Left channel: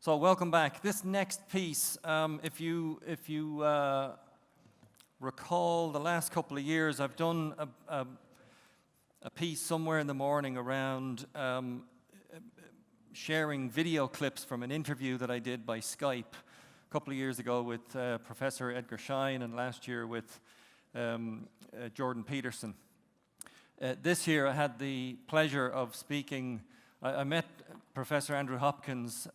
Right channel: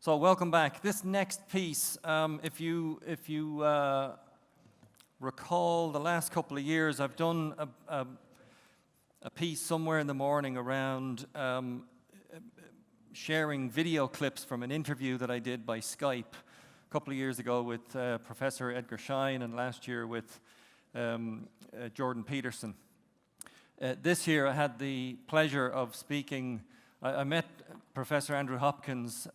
So welcome back. This next piece, if you recall the last couple of years, I've done a piece somewhere in the morning around sharing video clips from an interview that I did by Skype a couple of years ago with Professor Edgar Schein, and last year with Jordan Peterson. This year I had the pleasure of speaking. I met Professor Andrew Hopkins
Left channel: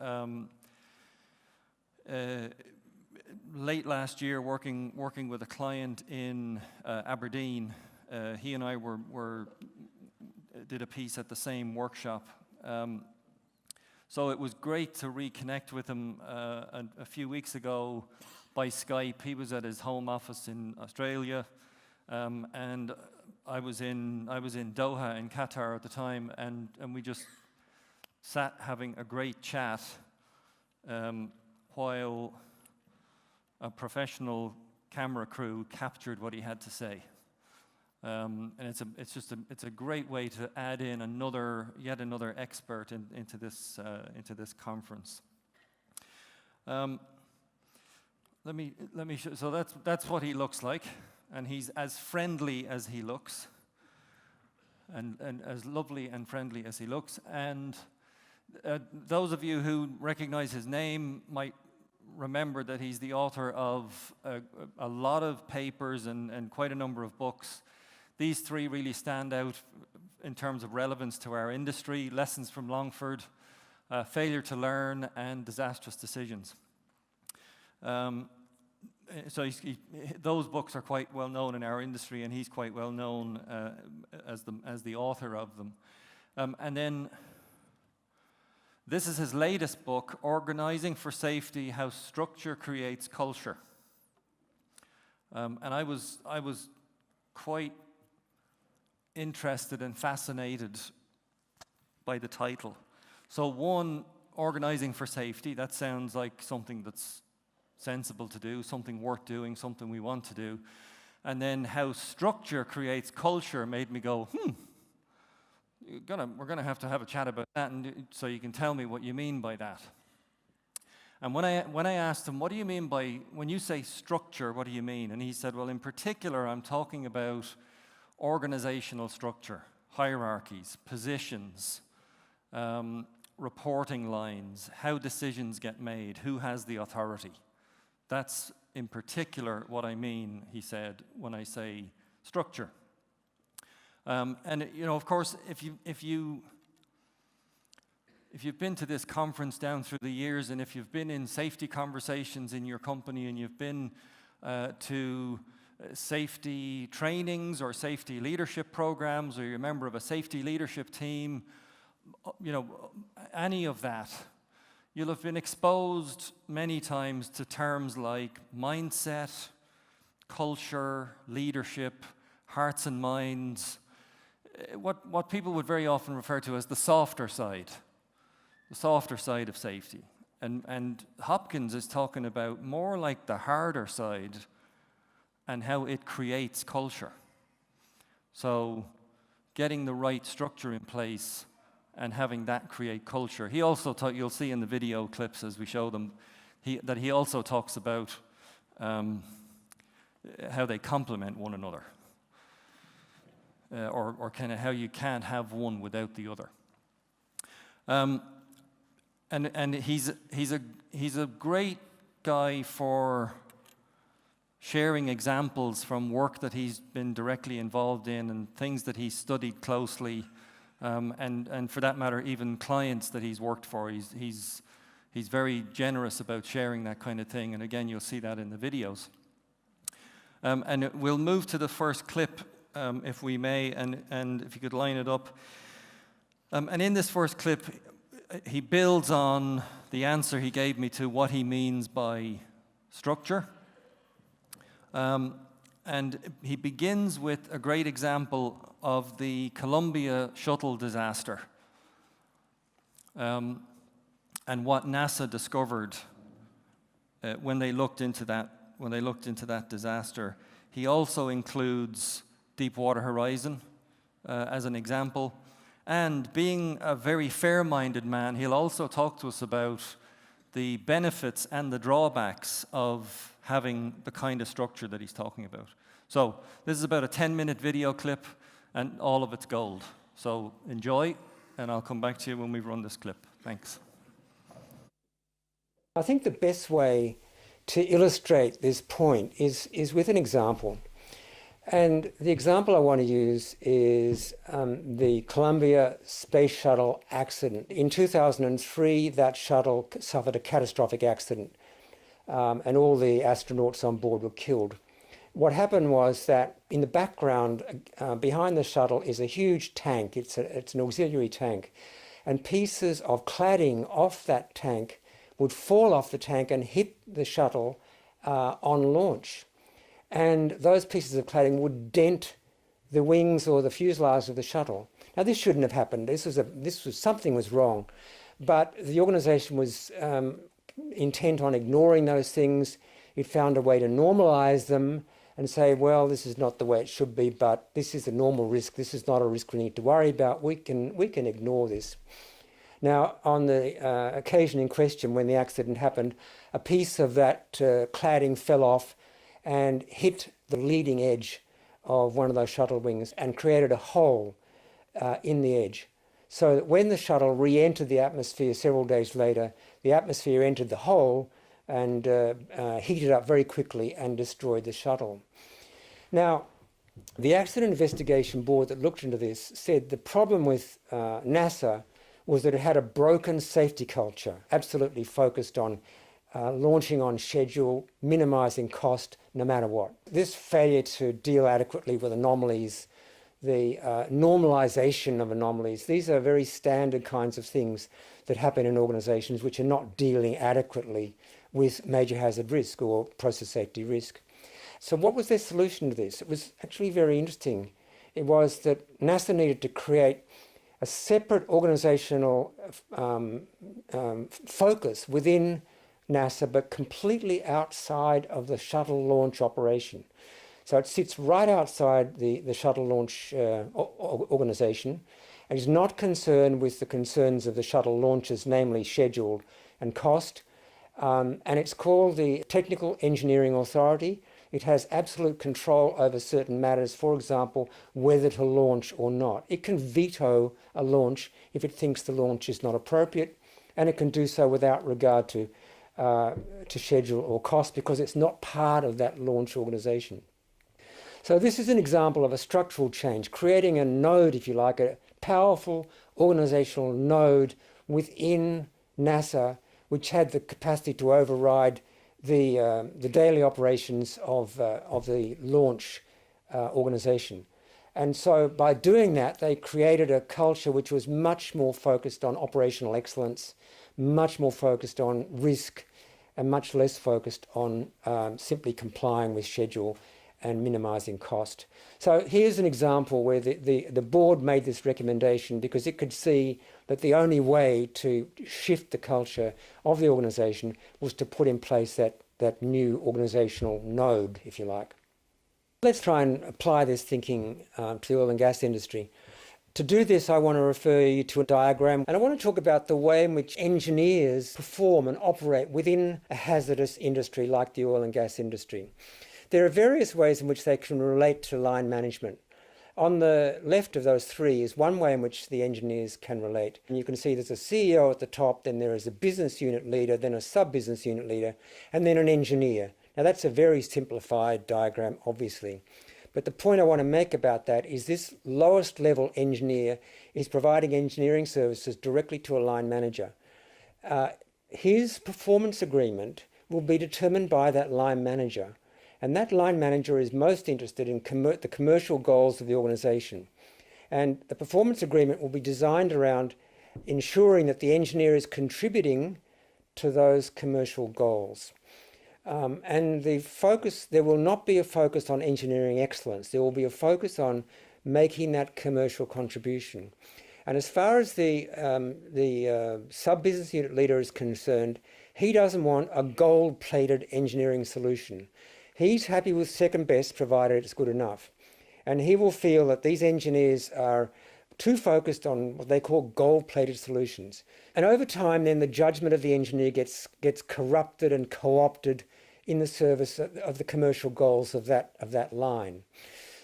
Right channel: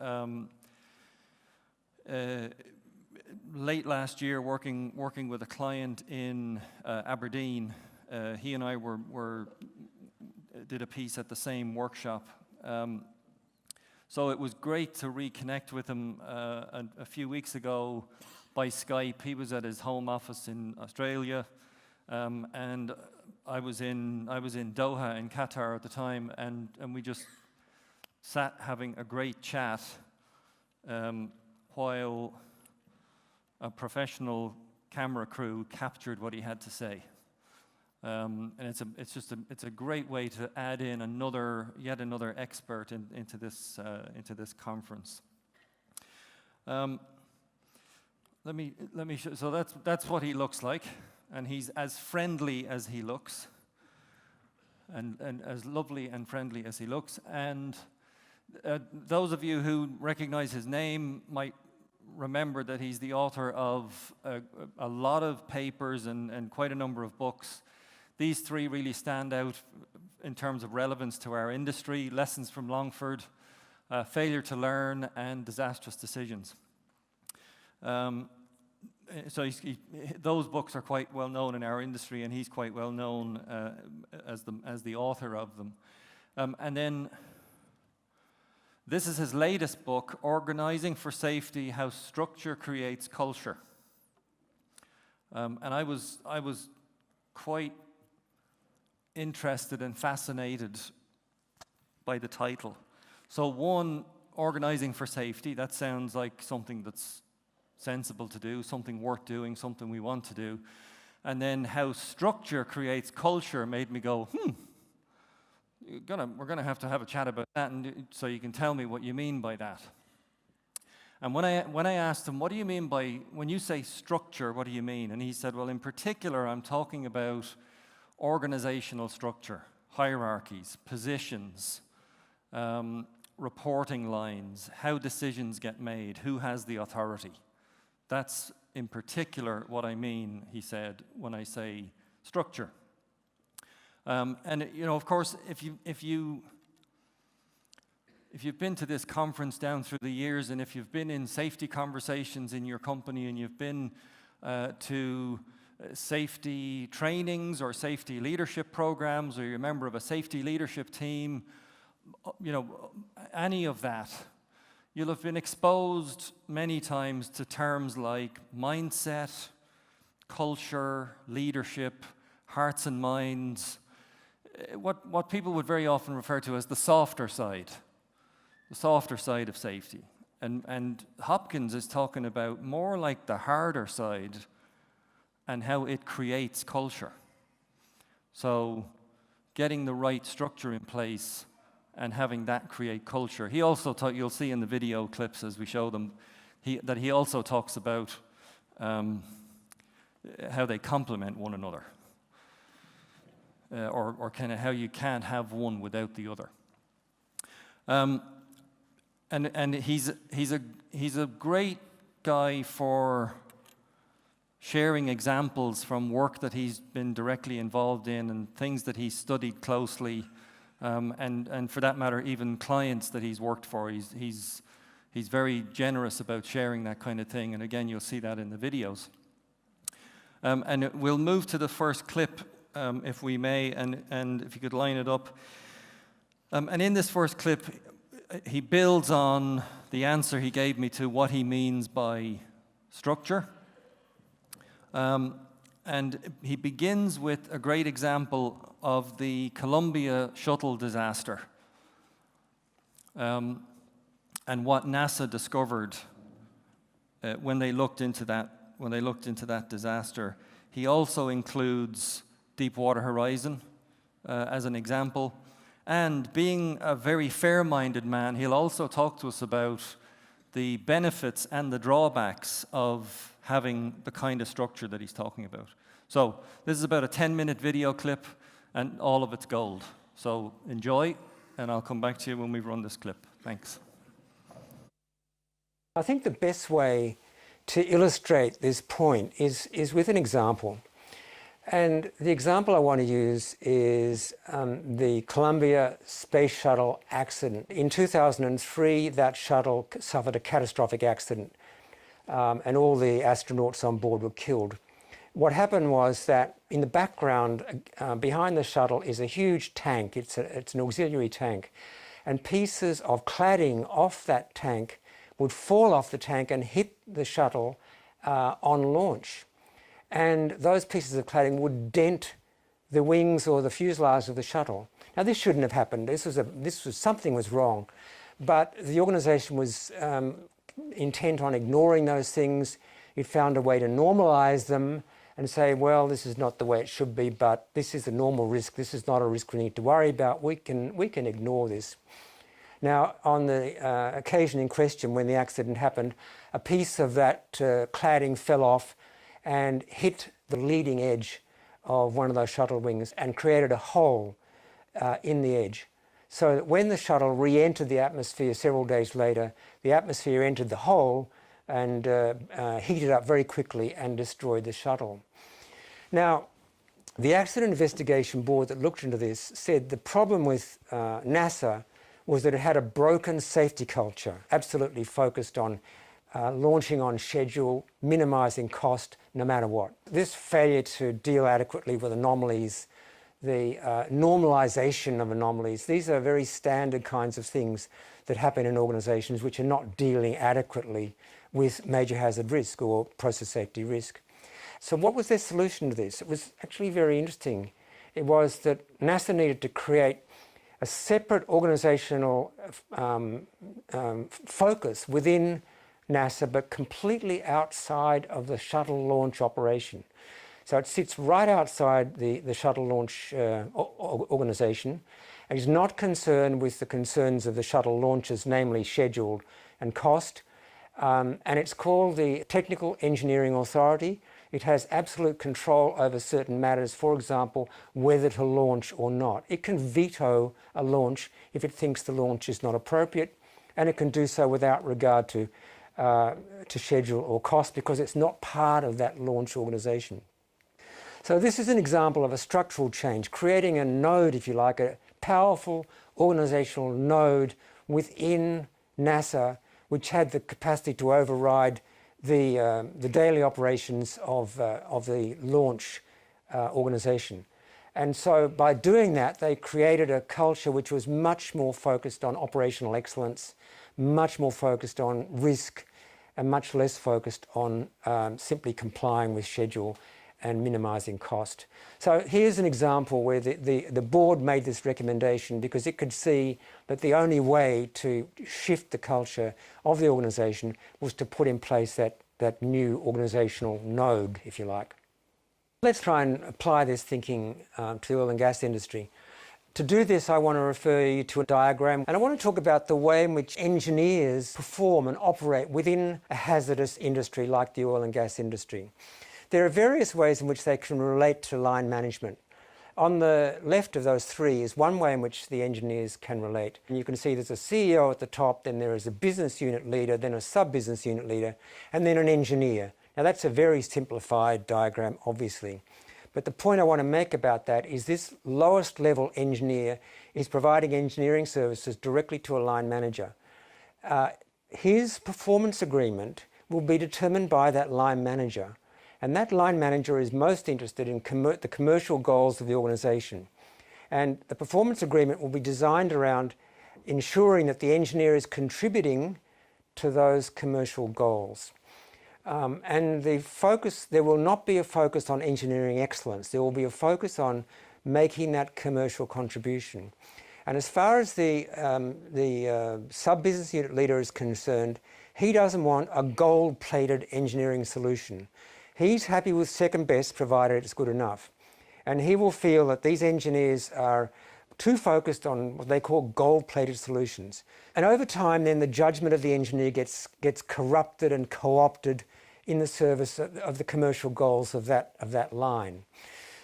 late last year working with a client in Aberdeen. He and I did a piece at the same workshop. So it was great to reconnect with him a few weeks ago by Skype. He was at his home office in Australia, and I was in Doha in Qatar at the time, and we just sat having a great chat while a professional camera crew captured what he had to say. And it's a great way to add in yet another expert into this conference. Let me show. So that's what he looks like, and he's as friendly as he looks, and as lovely and friendly as he looks. And those of you who recognize his name might remember that he's the author of a lot of papers and quite a number of books. These three really stand out in terms of relevance to our industry: Lessons from Longford, Failure to Learn, and Disastrous Decisions. So those books are quite well known in our industry, and he's quite well known as the author of them. And then this is his latest book, Organizing for Safety: How Structure Creates Culture. And I was quite interested and fascinated by the title. So one, organizing for safety, that sounds like something that's sensible to do, something worth doing, something we want to do. And then how structure creates culture made me go, we're gonna have to have a chat about that, and so you can tell me what you mean by that. And when I asked him, what do you mean by, when you say structure, what do you mean? And he said, well, in particular, I'm talking about organizational structure, hierarchies, positions, reporting lines, how decisions get made, who has the authority. That's in particular what I mean, he said, when I say structure. And of course, if you've been to this conference down through the years, and if you've been in safety conversations in your company, and you've been to safety trainings or safety leadership programs, or you're a member of a safety leadership team, any of that, you'll have been exposed many times to terms like mindset, culture, leadership, hearts and minds, what people would very often refer to as the softer side of safety. And Hopkins is talking about more like the harder side and how it creates culture. So getting the right structure in place and having that create culture. He also you'll see in the video clips as we show them, that he also talks about how they complement one another. Or kind of how you can't have one without the other. And he's a great guy for sharing examples from work that he's been directly involved in and things that he's studied closely, and for that matter, even clients that he's worked for. He's very generous about sharing that kind of thing, and again, you'll see that in the videos. And we'll move to the first clip, if we may, and if you could line it up. And in this first clip, he builds on the answer he gave me to what he means by structure. And he begins with a great example of the Columbia shuttle disaster, and what NASA discovered when they looked into that disaster. He also includes Deepwater Horizon as an example. And being a very fair-minded man, he'll also talk to us about the benefits and the drawbacks of having the kind of structure that he's talking about. So this is about a 10-minute video clip, and all of it's gold. So enjoy, and I'll come back to you when we run this clip. Thanks. I think the best way to illustrate this point is with an example. And the example I want to use is the Columbia Space Shuttle accident. In 2003, that shuttle suffered a catastrophic accident, and all the astronauts on board were killed. What happened was that in the background, behind the shuttle, is a huge tank. It's an auxiliary tank. And pieces of cladding off that tank would fall off the tank and hit the shuttle on launch. And those pieces of cladding would dent the wings or the fuselage of the shuttle. Now, this shouldn't have happened. Something was wrong. But the organisation was intent on ignoring those things. It found a way to normalise them and say, well, this is not the way it should be, but this is a normal risk. This is not a risk we need to worry about. We can ignore this. Now, on the occasion in question, when the accident happened, a piece of that cladding fell off and hit the leading edge of one of those shuttle wings and created a hole in the edge. So that when the shuttle re-entered the atmosphere several days later, the atmosphere entered the hole and heated up very quickly and destroyed the shuttle. Now, the Accident Investigation Board that looked into this said the problem with NASA was that it had a broken safety culture, absolutely focused on launching on schedule, minimising cost, no matter what. This failure to deal adequately with anomalies, the normalisation of anomalies, these are very standard kinds of things that happen in organisations which are not dealing adequately with major hazard risk or process safety risk. So what was their solution to this? It was actually very interesting. It was that NASA needed to create a separate organisational focus within NASA, but completely outside of the shuttle launch operation. So it sits right outside the shuttle launch organisation and is not concerned with the concerns of the shuttle launches, namely schedule and cost. And it's called the Technical Engineering Authority. It has absolute control over certain matters, for example, whether to launch or not. It can veto a launch if it thinks the launch is not appropriate, and it can do so without regard to schedule or cost because it's not part of that launch organisation. So this is an example of a structural change, creating a node, if you like, a powerful organisational node within NASA, which had the capacity to override the daily operations of the launch organisation. And so by doing that, they created a culture which was much more focused on operational excellence, much more focused on risk, and much less focused on simply complying with schedule and minimising cost. So here's an example where the board made this recommendation because it could see that the only way to shift the culture of the organisation was to put in place that new organisational node, if you like. Let's try and apply this thinking to the oil and gas industry. To do this, I want to refer you to a diagram, and I want to talk about the way in which engineers perform and operate within a hazardous industry like the oil and gas industry. There are various ways in which they can relate to line management. On the left of those three is one way in which the engineers can relate. And you can see there's a CEO at the top, then there is a business unit leader, then a sub-business unit leader, and then an engineer. Now that's a very simplified diagram, obviously. But the point I want to make about that is this lowest level engineer is providing engineering services directly to a line manager. His performance agreement will be determined by that line manager. And that line manager is most interested in the commercial goals of the organisation. And the performance agreement will be designed around ensuring that the engineer is contributing to those commercial goals. And there will not be a focus on engineering excellence. There will be a focus on making that commercial contribution. And as far as the sub-business unit leader is concerned, he doesn't want a gold-plated engineering solution. He's happy with second best, provided it's good enough. And he will feel that these engineers are too focused on what they call gold-plated solutions. And over time, then the judgment of the engineer gets corrupted and co-opted in the service of the commercial goals of that line.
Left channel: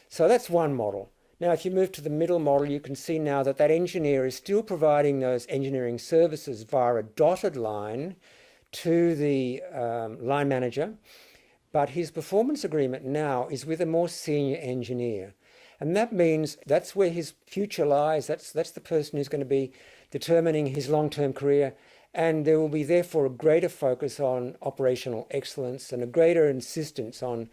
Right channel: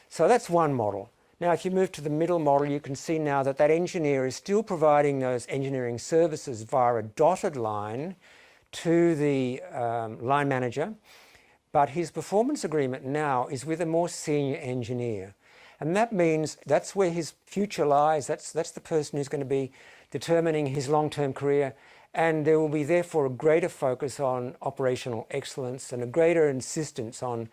So that's one model. Now, if you move to the middle model, you can see now that that engineer is still providing those engineering services via a dotted line to the line manager, but his performance agreement now is with a more senior engineer. And that means that's where his future lies. That's the person who's going to be determining his long-term career. And there will be therefore a greater focus on operational excellence and a greater insistence on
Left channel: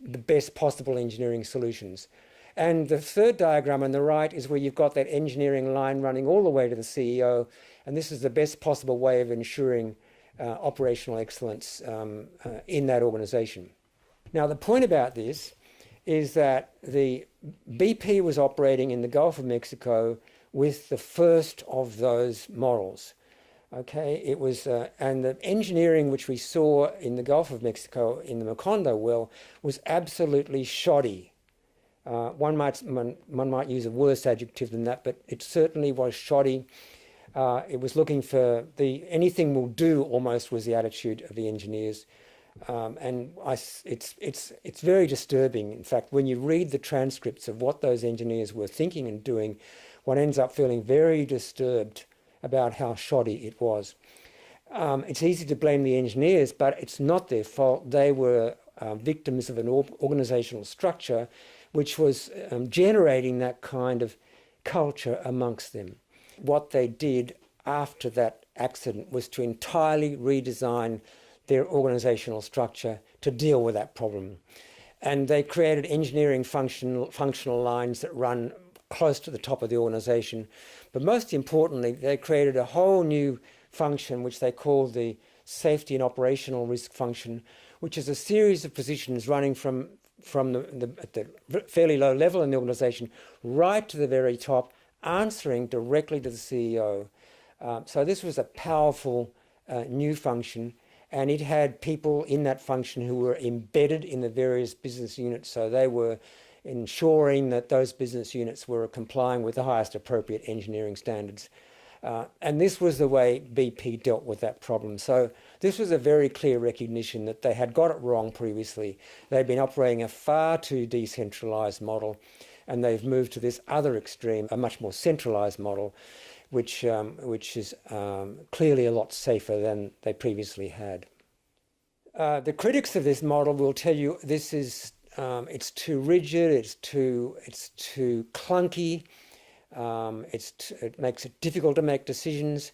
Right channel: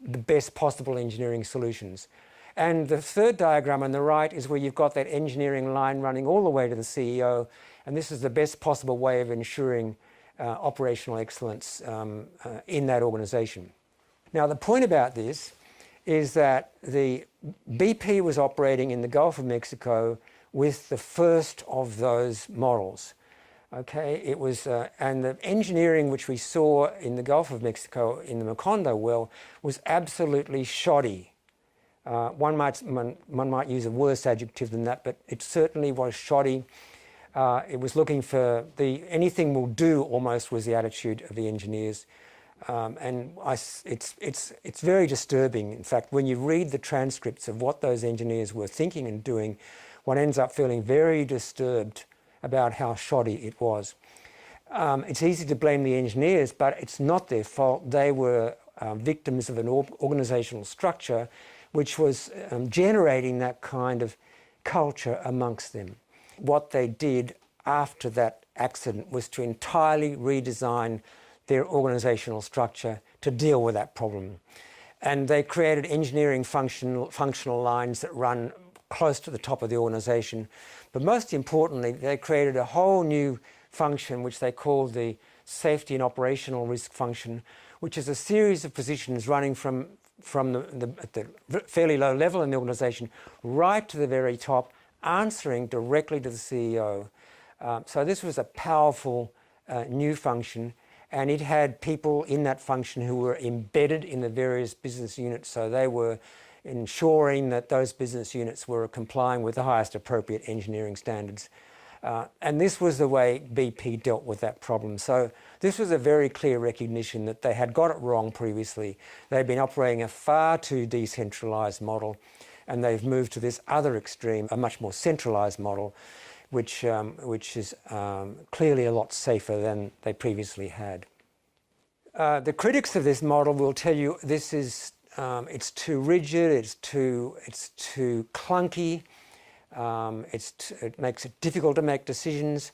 the best possible engineering solutions. And the third diagram on the right is where you've got that engineering line running all the way to the CEO. And this is the best possible way of ensuring operational excellence in that organization. Now, the point about this is that the BP was operating in the Gulf of Mexico with the first of those models. Okay, it was, and the engineering which we saw in the Gulf of Mexico in the Macondo well was absolutely shoddy. One might use a worse adjective than that, but it certainly was shoddy. It was looking for anything will do almost was the attitude of the engineers. It's very disturbing. In fact, when you read the transcripts of what those engineers were thinking and doing, one ends up feeling very disturbed about how shoddy it was. It's easy to blame the engineers, but it's not their fault. They were victims of an organizational structure which was generating that kind of culture amongst them. What they did after that accident was to entirely redesign their organizational structure to deal with that problem. And they created engineering functional lines that run close to the top of the organization. But most importantly, they created a whole new function which they called the safety and operational risk function, which is a series of positions running from at the fairly low level in the organization right to the very top, answering directly to the CEO. So this was a powerful new function, and it had people in that function who were embedded in the various business units, so they were ensuring that those business units were complying with the highest appropriate engineering standards. And this was the way BP dealt with that problem. So this was a very clear recognition that they had got it wrong previously. They'd been operating a far too decentralised model, and they've moved to this other extreme, a much more centralised model, which is clearly a lot safer than they previously had. The critics of this model will tell you this is it's too rigid, it's too clunky, it makes it difficult to make decisions,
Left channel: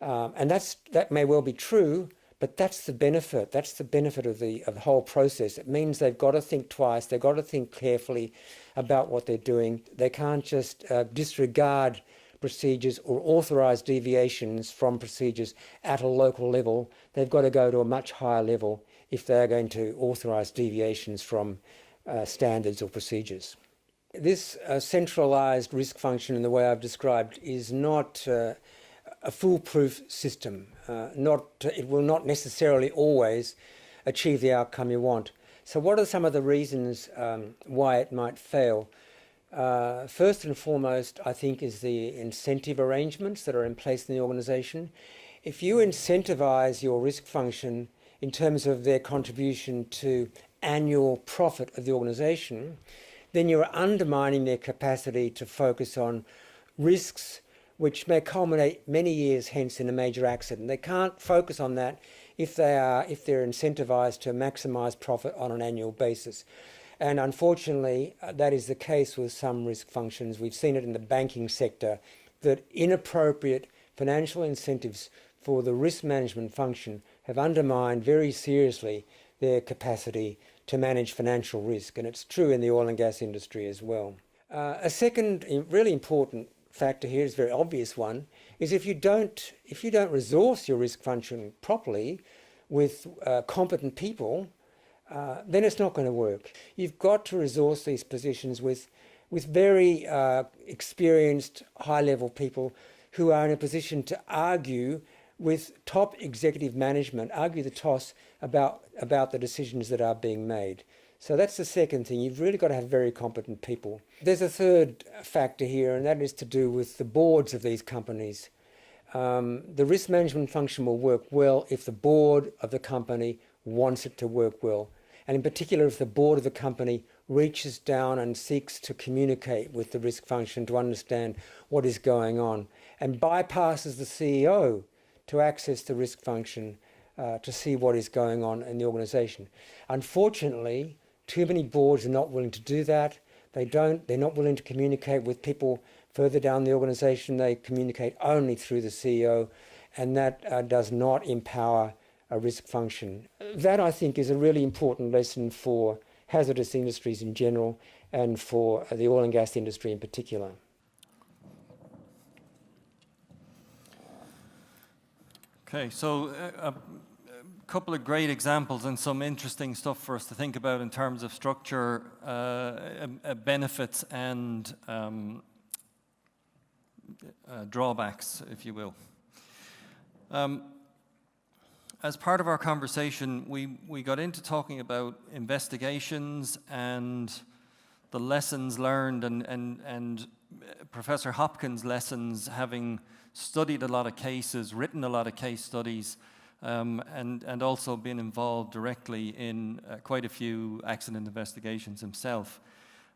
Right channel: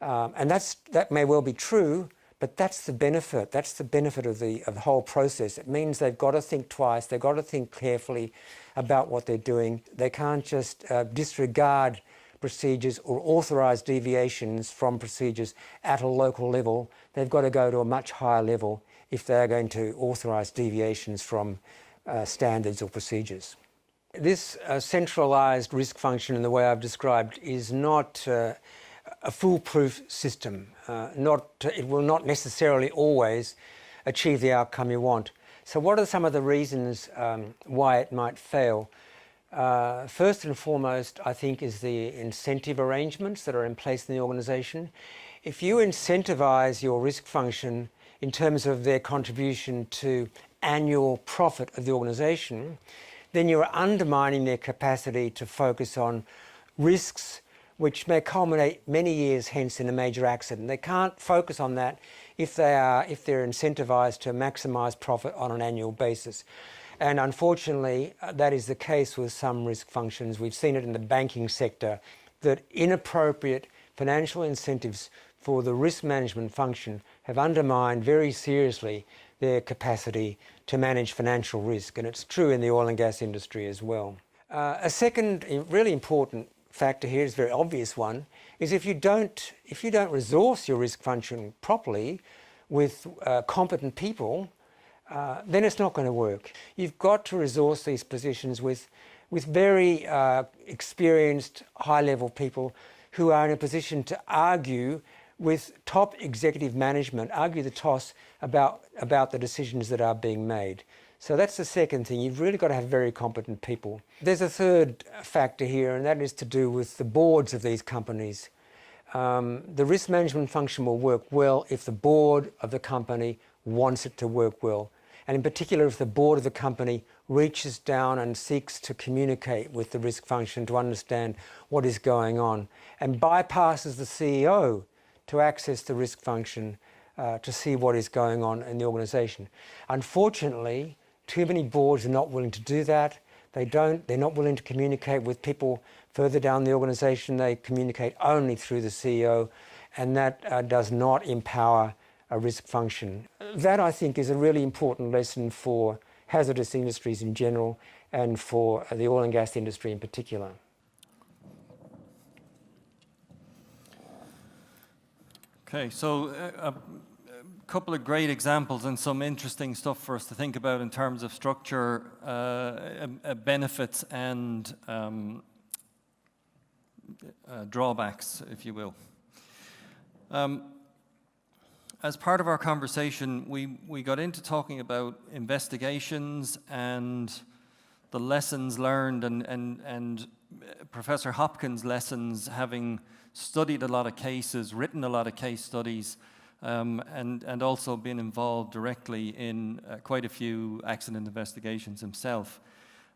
and that may well be true, but that's the benefit. That's the benefit of the whole process. It means they've got to think twice. They've got to think carefully about what they're doing. They can't just disregard procedures or authorise deviations from procedures at a local level. They've got to go to a much higher level if they're going to authorise deviations from standards or procedures. This centralised risk function, in the way I've described, is not a foolproof system. It will not necessarily always achieve the outcome you want. So what are some of the reasons why it might fail? First and foremost, I think, is the incentive arrangements that are in place in the organisation. If you incentivise your risk function in terms of their contribution to annual profit of the organisation, then you're undermining their capacity to focus on risks which may culminate many years hence in a major accident. They can't focus on that if they're incentivised to maximise profit on an annual basis. And unfortunately, that is the case with some risk functions. We've seen it in the banking sector, that inappropriate financial incentives for the risk management function have undermined very seriously their capacity to manage financial risk. And it's true in the oil and gas industry as well. A second really important factor here is a very obvious one, is if you don't resource your risk function properly with competent people, then it's not going to work. You've got to resource these positions with very experienced, high-level people who are in a position to argue with top executive management, argue the toss about the decisions that are being made. So that's the second thing. You've really got to have very competent people. There's a third factor here, and that is to do with the boards of these companies. The risk management function will work well if the board of the company wants it to work well. And in particular, if the board of the company reaches down and seeks to communicate with the risk function to understand what is going on and bypasses the CEO to access the risk function to see what is going on in the organisation. Unfortunately, too many boards are not willing to do that. They're not willing to communicate with people further down the organisation. They communicate only through the CEO, and that does not empower a risk function. That, I think, is a really important lesson for hazardous industries in general and for the oil and gas industry in particular. Okay, so a couple of great examples and some interesting stuff for us to think about in terms of structure, benefits and drawbacks, if you will. As part of our conversation, we got into talking about investigations and the lessons learned and Professor Hopkins' lessons, having studied a lot of cases, written a lot of case studies, and also been involved directly in quite a few accident investigations himself.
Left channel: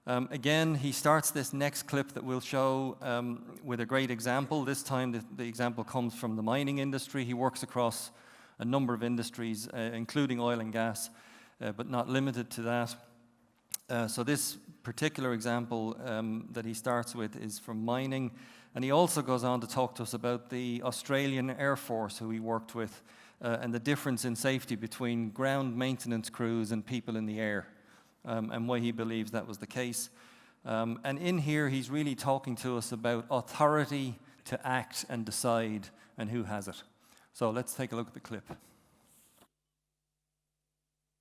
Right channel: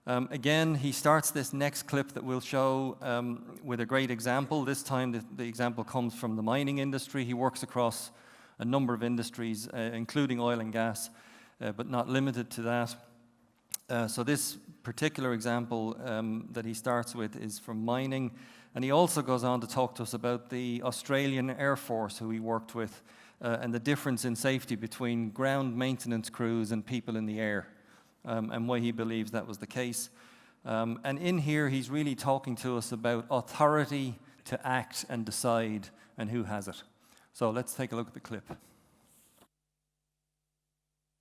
Again, he starts this next clip that we'll show with a great example. This time the example comes from the mining industry. He works across a number of industries, including oil and gas, but not limited to that. So this particular example that he starts with is from mining, and he also goes on to talk to us about the Australian Air Force, who he worked with, and the difference in safety between ground maintenance crews and people in the air, and why he believes that was the case. And in here, he's really talking to us about authority to act and decide, and who has it. So let's take a look at the clip.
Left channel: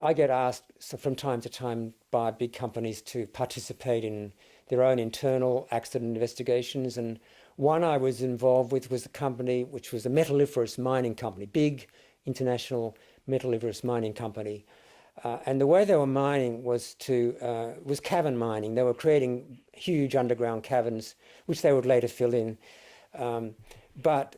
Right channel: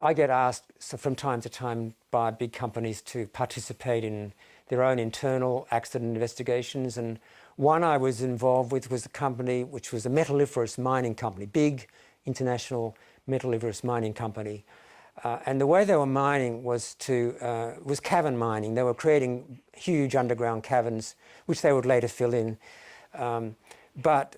I get asked from time to time by big companies to participate in their own internal accident investigations, and one I was involved with was a company which was a metalliferous mining company, big international metalliferous mining company. And the way they were mining was cavern mining. They were creating huge underground caverns, which they would later fill in. But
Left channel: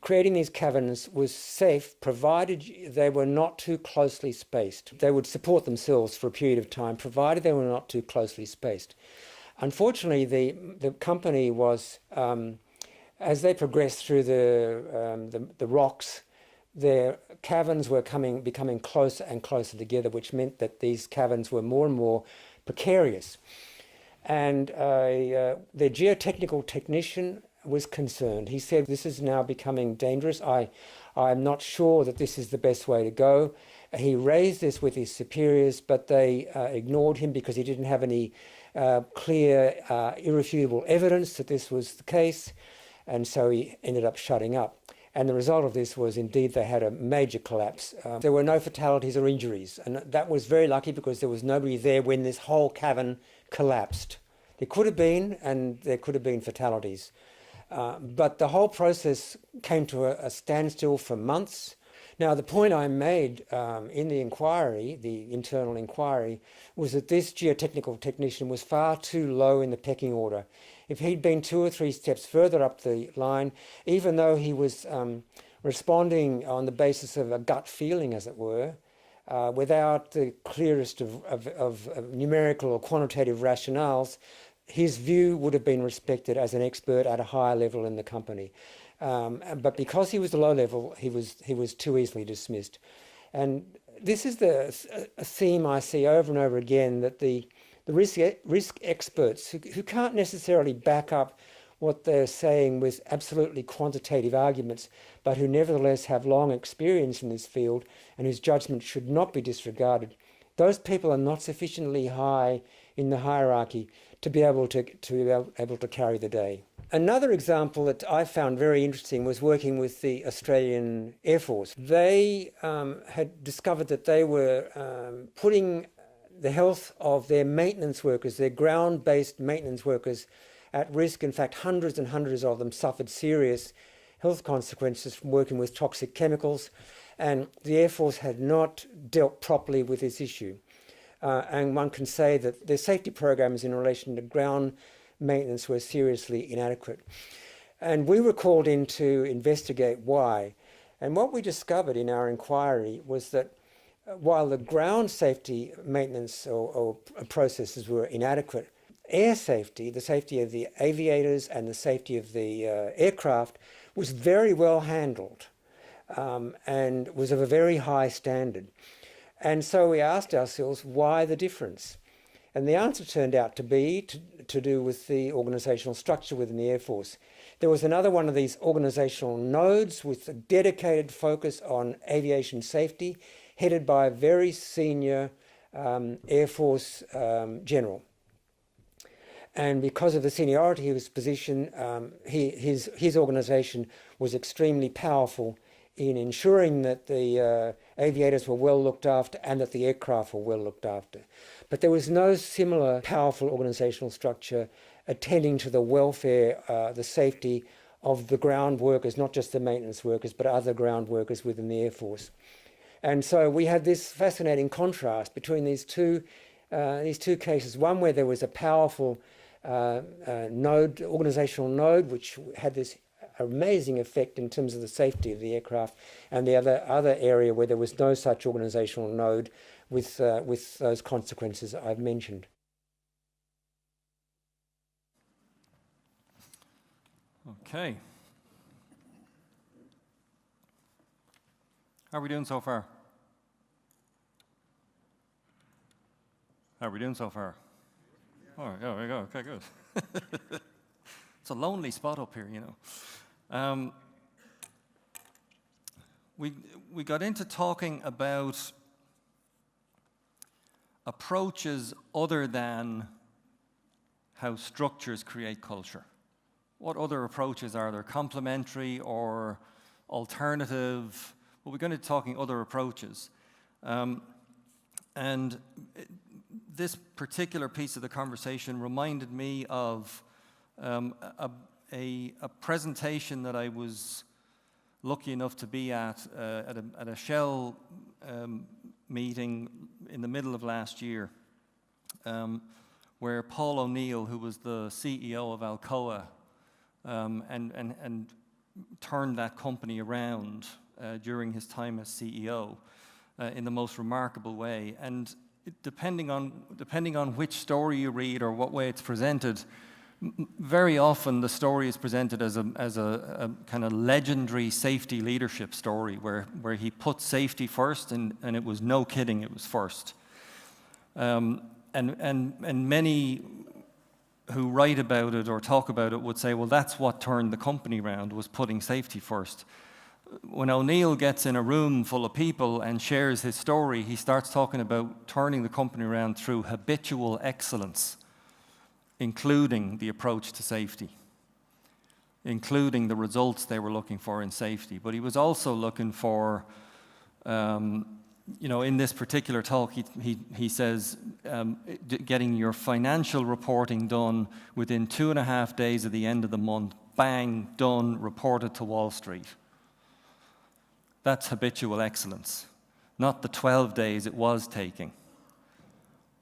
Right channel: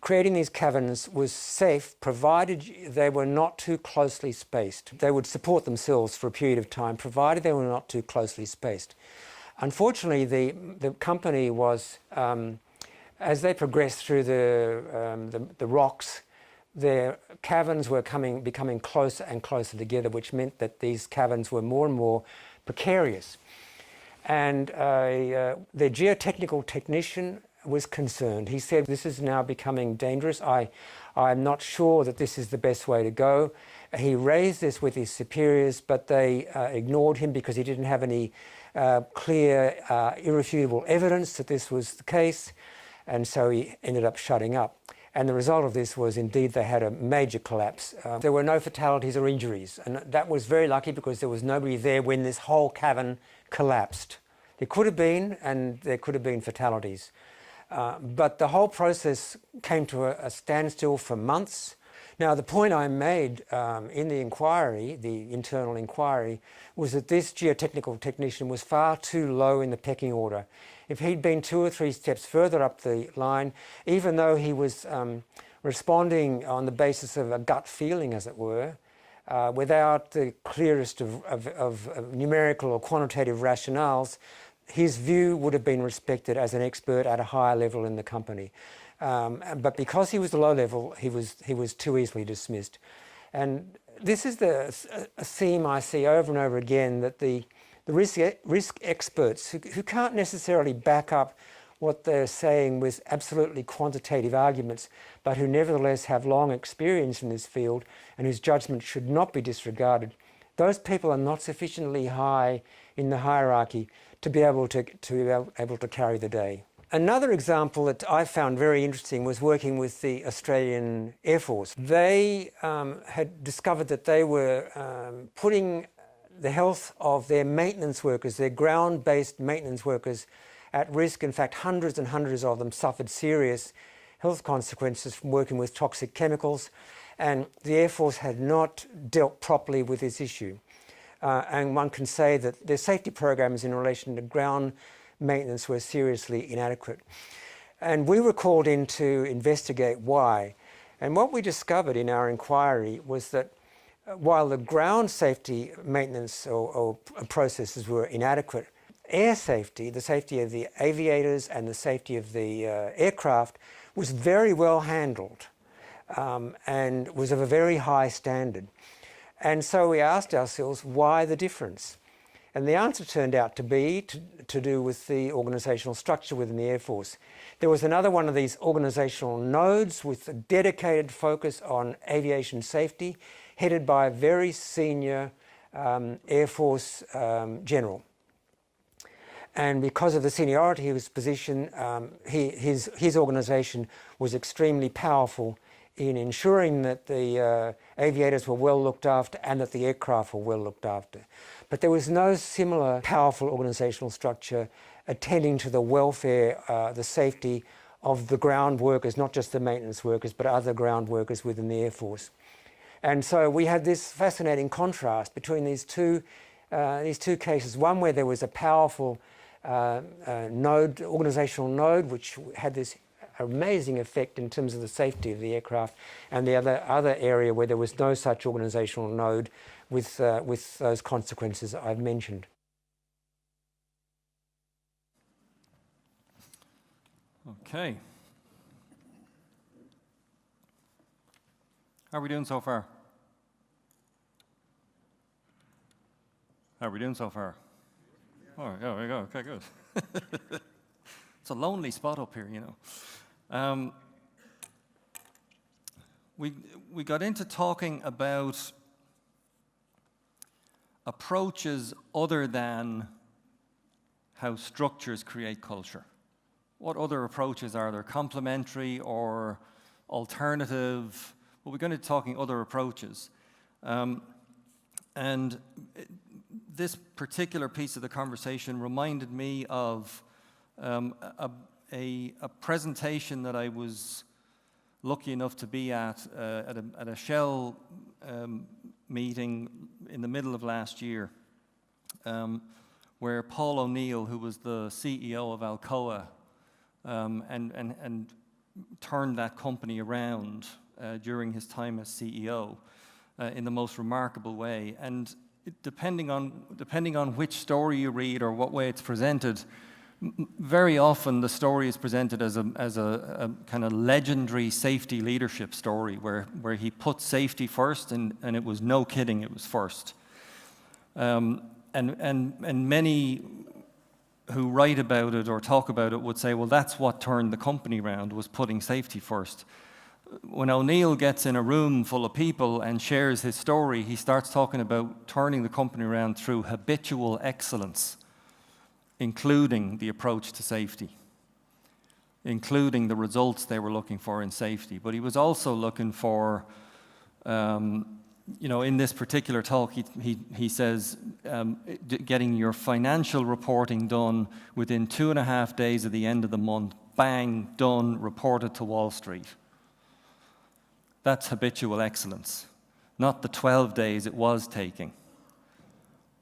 creating these caverns was safe, provided they were not too closely spaced. They would support themselves for a period of time, provided they were not too closely spaced. Unfortunately, the company was, as they progressed through the rocks, their caverns were becoming closer and closer together, which meant that these caverns were more and more precarious. And the geotechnical technician was concerned. He said, "This is now becoming dangerous. I'm not sure that this is the best way to go." He raised this with his superiors, but they ignored him because he didn't have any clear, irrefutable evidence that this was the case, and so he ended up shutting up. And the result of this was, indeed, they had a major collapse. There were no fatalities or injuries, and that was very lucky because there was nobody there when this whole cavern collapsed. There could have been, and there could have been fatalities. But the whole process came to a standstill for months. Now, the point I made in the inquiry, the internal inquiry, was that this geotechnical technician was far too low in the pecking order. If he'd been 2 or 3 steps further up the line, even though he was responding on the basis of a gut feeling, as it were, without the clearest of numerical or quantitative rationales, his view would have been respected as an expert at a higher level in the company. But because he was low level, he was too easily dismissed. And this is a theme I see over and over again, that the risk experts who can't necessarily back up what they're saying with absolutely quantitative arguments, but who nevertheless have long experience in this field and whose judgment should not be disregarded, those people are not sufficiently high in the hierarchy to be able to carry the day. Another example that I found very interesting was working with the Australian Air Force. They had discovered that they were putting the health of their maintenance workers, their ground-based maintenance workers, at risk. In fact, hundreds and hundreds of them suffered serious health consequences from working with toxic chemicals. And the Air Force had not dealt properly with this issue. And one can say that their safety programs in relation to ground maintenance were seriously inadequate. And we were called in to investigate why. And what we discovered in our inquiry was that while the ground safety maintenance or processes were inadequate, air safety, the safety of the aviators and the safety of the aircraft, was very well handled and was of a very high standard. And so we asked ourselves, why the difference? And the answer turned out to be to do with the organisational structure within the Air Force. There was another one of these organisational nodes with a dedicated focus on aviation safety, headed by a very senior Air Force general. And because of the seniority of his position, his organisation was extremely powerful in ensuring that the aviators were well looked after and that the aircraft were well looked after. But there was no similar powerful organisational structure attending to the welfare, the safety of the ground workers, not just the maintenance workers, but other ground workers within the Air Force. And so we had this fascinating contrast between these two cases, one where there was a powerful node, organisational node, which had this amazing effect in terms of the safety of the aircraft, and the other area where there was no such organisational node with those consequences I've mentioned. Okay. How are we doing so far? How are we doing so far? Oh, yeah, there we go. Okay, good. It's a lonely spot up here, you know. We got into talking about approaches other than how structures create culture. What other approaches are there? Complementary or alternative? Well, we're going to be talking other approaches. And this particular piece of the conversation reminded me of a presentation that I was lucky enough to be at a Shell meeting in the middle of last year, where Paul O'Neill, who was the CEO of Alcoa, and turned that company around during his time as CEO in the most remarkable way. And depending on which story you read or what way it's presented, very often the story is presented as a kind of legendary safety leadership story where he put safety first, and it was no kidding, it was first. And many who write about it or talk about it would say, well, that's what turned the company around, was putting safety first. When O'Neill gets in a room full of people and shares his story, he starts talking about turning the company around through habitual excellence, including the approach to safety, including the results they were looking for in safety. But he was also looking for, in this particular talk, he says, getting your financial reporting done within 2.5 days of the end of the month, bang, done, reported to Wall Street. That's habitual excellence, not the 12 days it was taking,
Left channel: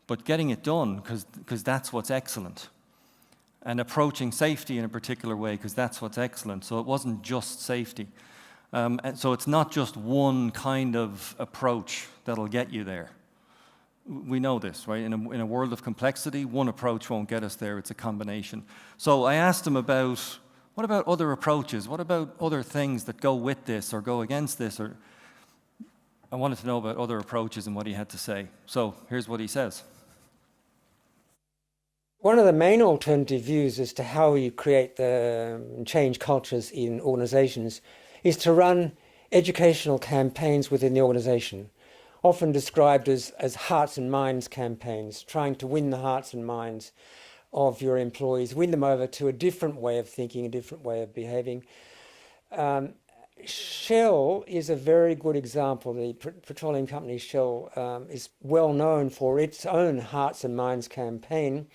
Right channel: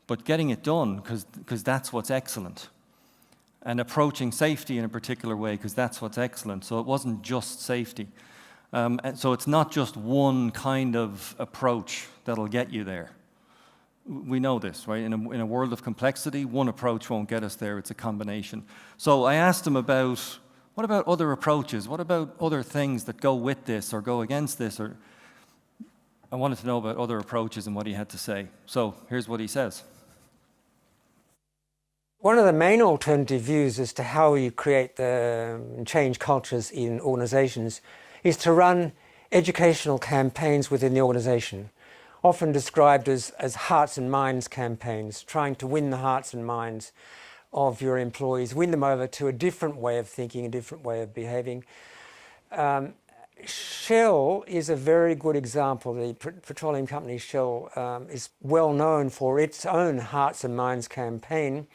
but getting it done because that's what's excellent, and approaching safety in a particular way because that's what's excellent. So it wasn't just safety. And so it's not just one kind of approach that'll get you there. We know this, right? In a world of complexity, one approach won't get us there. It's a combination. So I asked him about, what about other approaches? What about other things that go with this or go against this? Or I wanted to know about other approaches and what he had to say. So here's what he says. One of the main alternative views as to how you create change cultures in organizations is to run educational campaigns within the organization, often described as hearts and minds campaigns, trying to win the hearts and minds of your employees, win them over to a different way of thinking, a different way of behaving. Shell is a very good example. The petroleum company Shell is well known for its own hearts and minds campaign,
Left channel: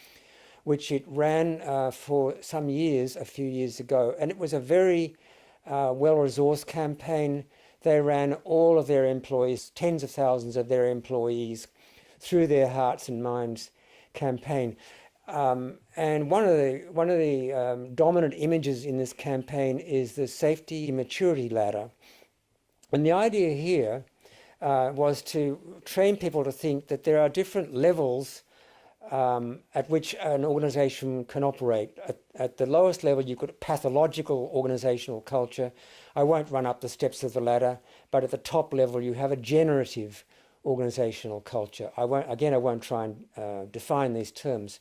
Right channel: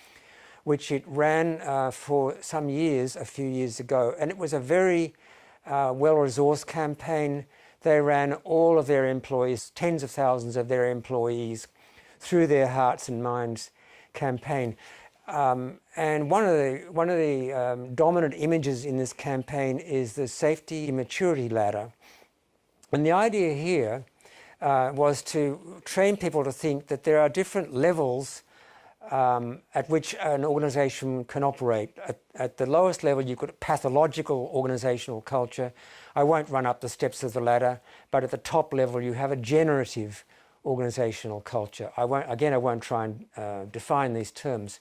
which it ran for some years, a few years ago. And it was a very well-resourced campaign they ran all of their employees, tens of thousands of their employees, through their Hearts and Minds campaign. And one of the dominant images in this campaign is the safety maturity ladder. And the idea here was to train people to think that there are different levels at which an organization can operate. At the lowest level, you've got pathological organizational culture. I won't run up the steps of the ladder, but at the top level, you have a generative organizational culture. I won't try and define these terms.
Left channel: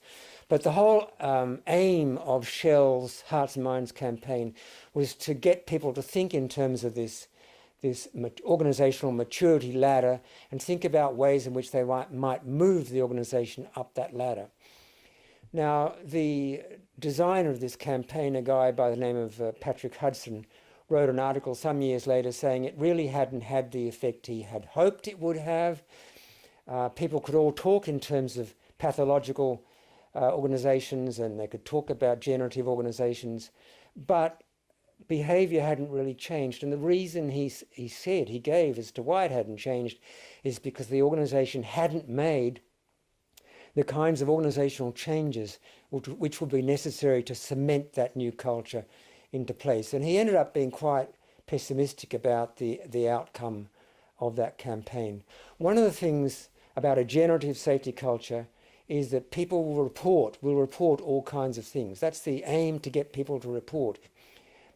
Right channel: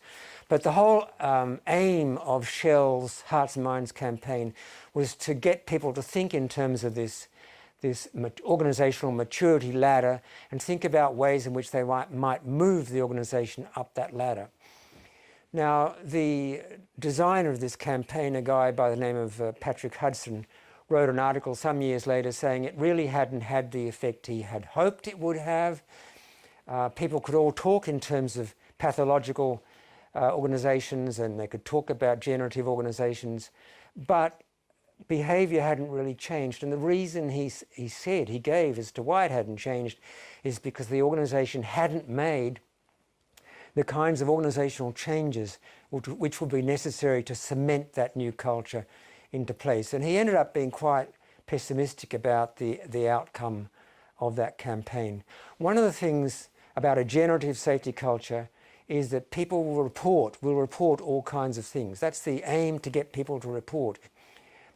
But the whole aim of Shell's Hearts and Minds campaign was to get people to think in terms of this organizational maturity ladder and think about ways in which they might move the organization up that ladder. Now, the designer of this campaign, a guy by the name of Patrick Hudson, wrote an article some years later saying it really hadn't had the effect he had hoped it would have. People could all talk in terms of pathological organizations, and they could talk about generative organizations, but behavior hadn't really changed. And the reason he gave as to why it hadn't changed is because the organization hadn't made the kinds of organizational changes which would be necessary to cement that new culture into place. And he ended up being quite pessimistic about the outcome of that campaign. One of the things about a generative safety culture is that people will report all kinds of things. That's the aim, to get people to report.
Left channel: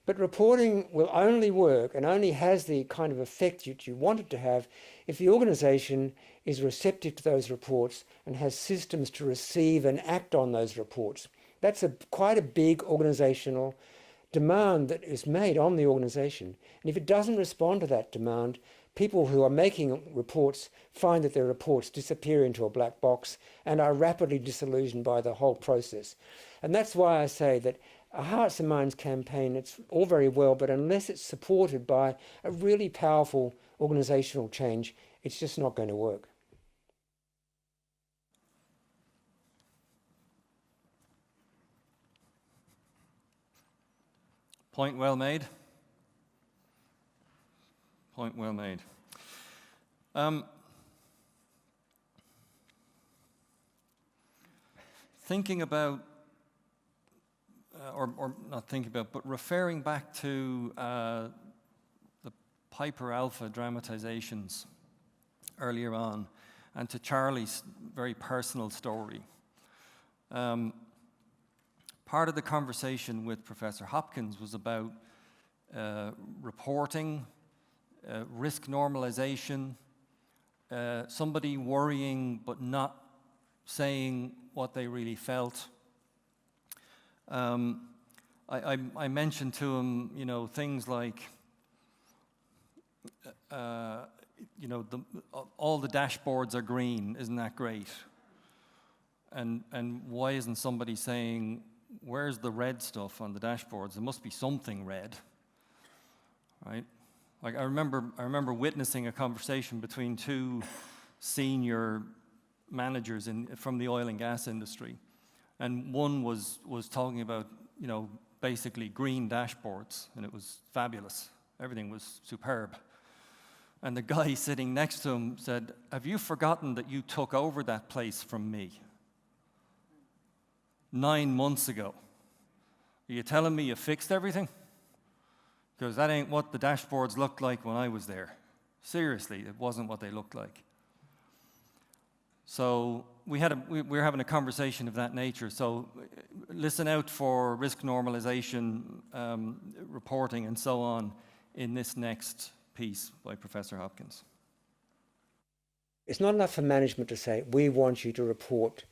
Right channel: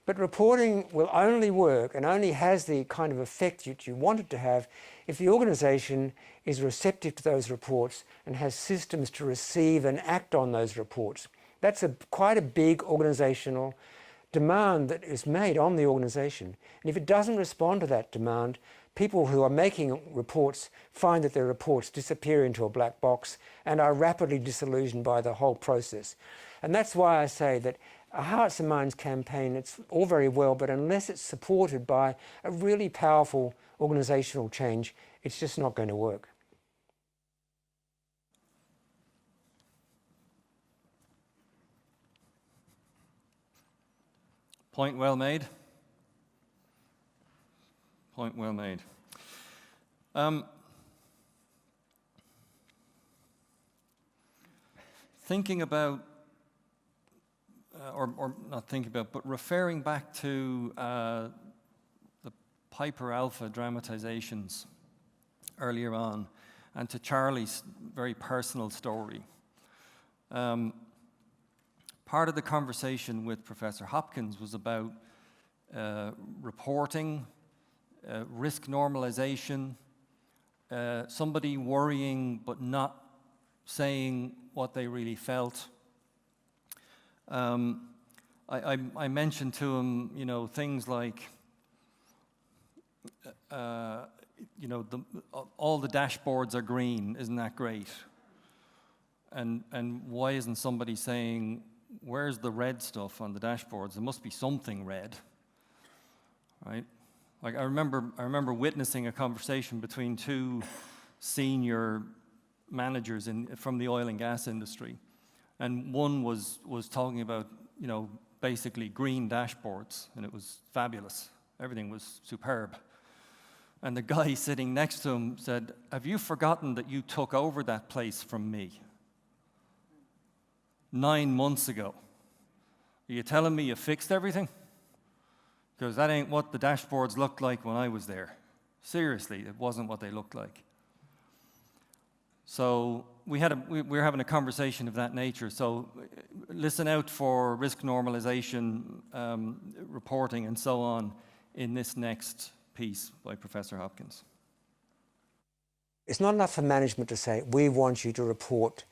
But reporting will only work and only has the kind of effect that you want it to have if the organisation is receptive to those reports and has systems to receive and act on those reports. That's quite a big organisational demand that is made on the organisation. And if it doesn't respond to that demand, people who are making reports find that their reports disappear into a black box and are rapidly disillusioned by the whole process. And that's why I say that a Hearts and Minds campaign, it's all very well, but unless it's supported by a really powerful organisational change, it's just not going to work. Point well made. Point well made. Thinking about, or not thinking about, but referring back to the Piper Alpha dramatizations earlier on, and to Charlie's very personal story. Part of the conversation with Professor Hopkins was about reporting, risk normalization, somebody worrying but not saying what they really felt. I mentioned to him, things like, all the dashboards are green, isn't that great? And why isn't somebody saying, where's the red stuff on the dashboards? There must be something red, right? Like I remember witnessing a conversation between two senior managers from the oil and gas industry, and one was talking about basically green dashboards, and it was fabulous. Everything was superb. And the guy sitting next to him said, "Have you forgotten that you took over that place from me 9 months ago? Are you telling me you fixed everything? Because that ain't what the dashboards looked like when I was there. Seriously, it wasn't what they looked like." So we were having a conversation of that nature. So listen out for risk normalization, reporting, and so on in this next piece by Professor Hopkins. It's not enough for management to say, we want you to report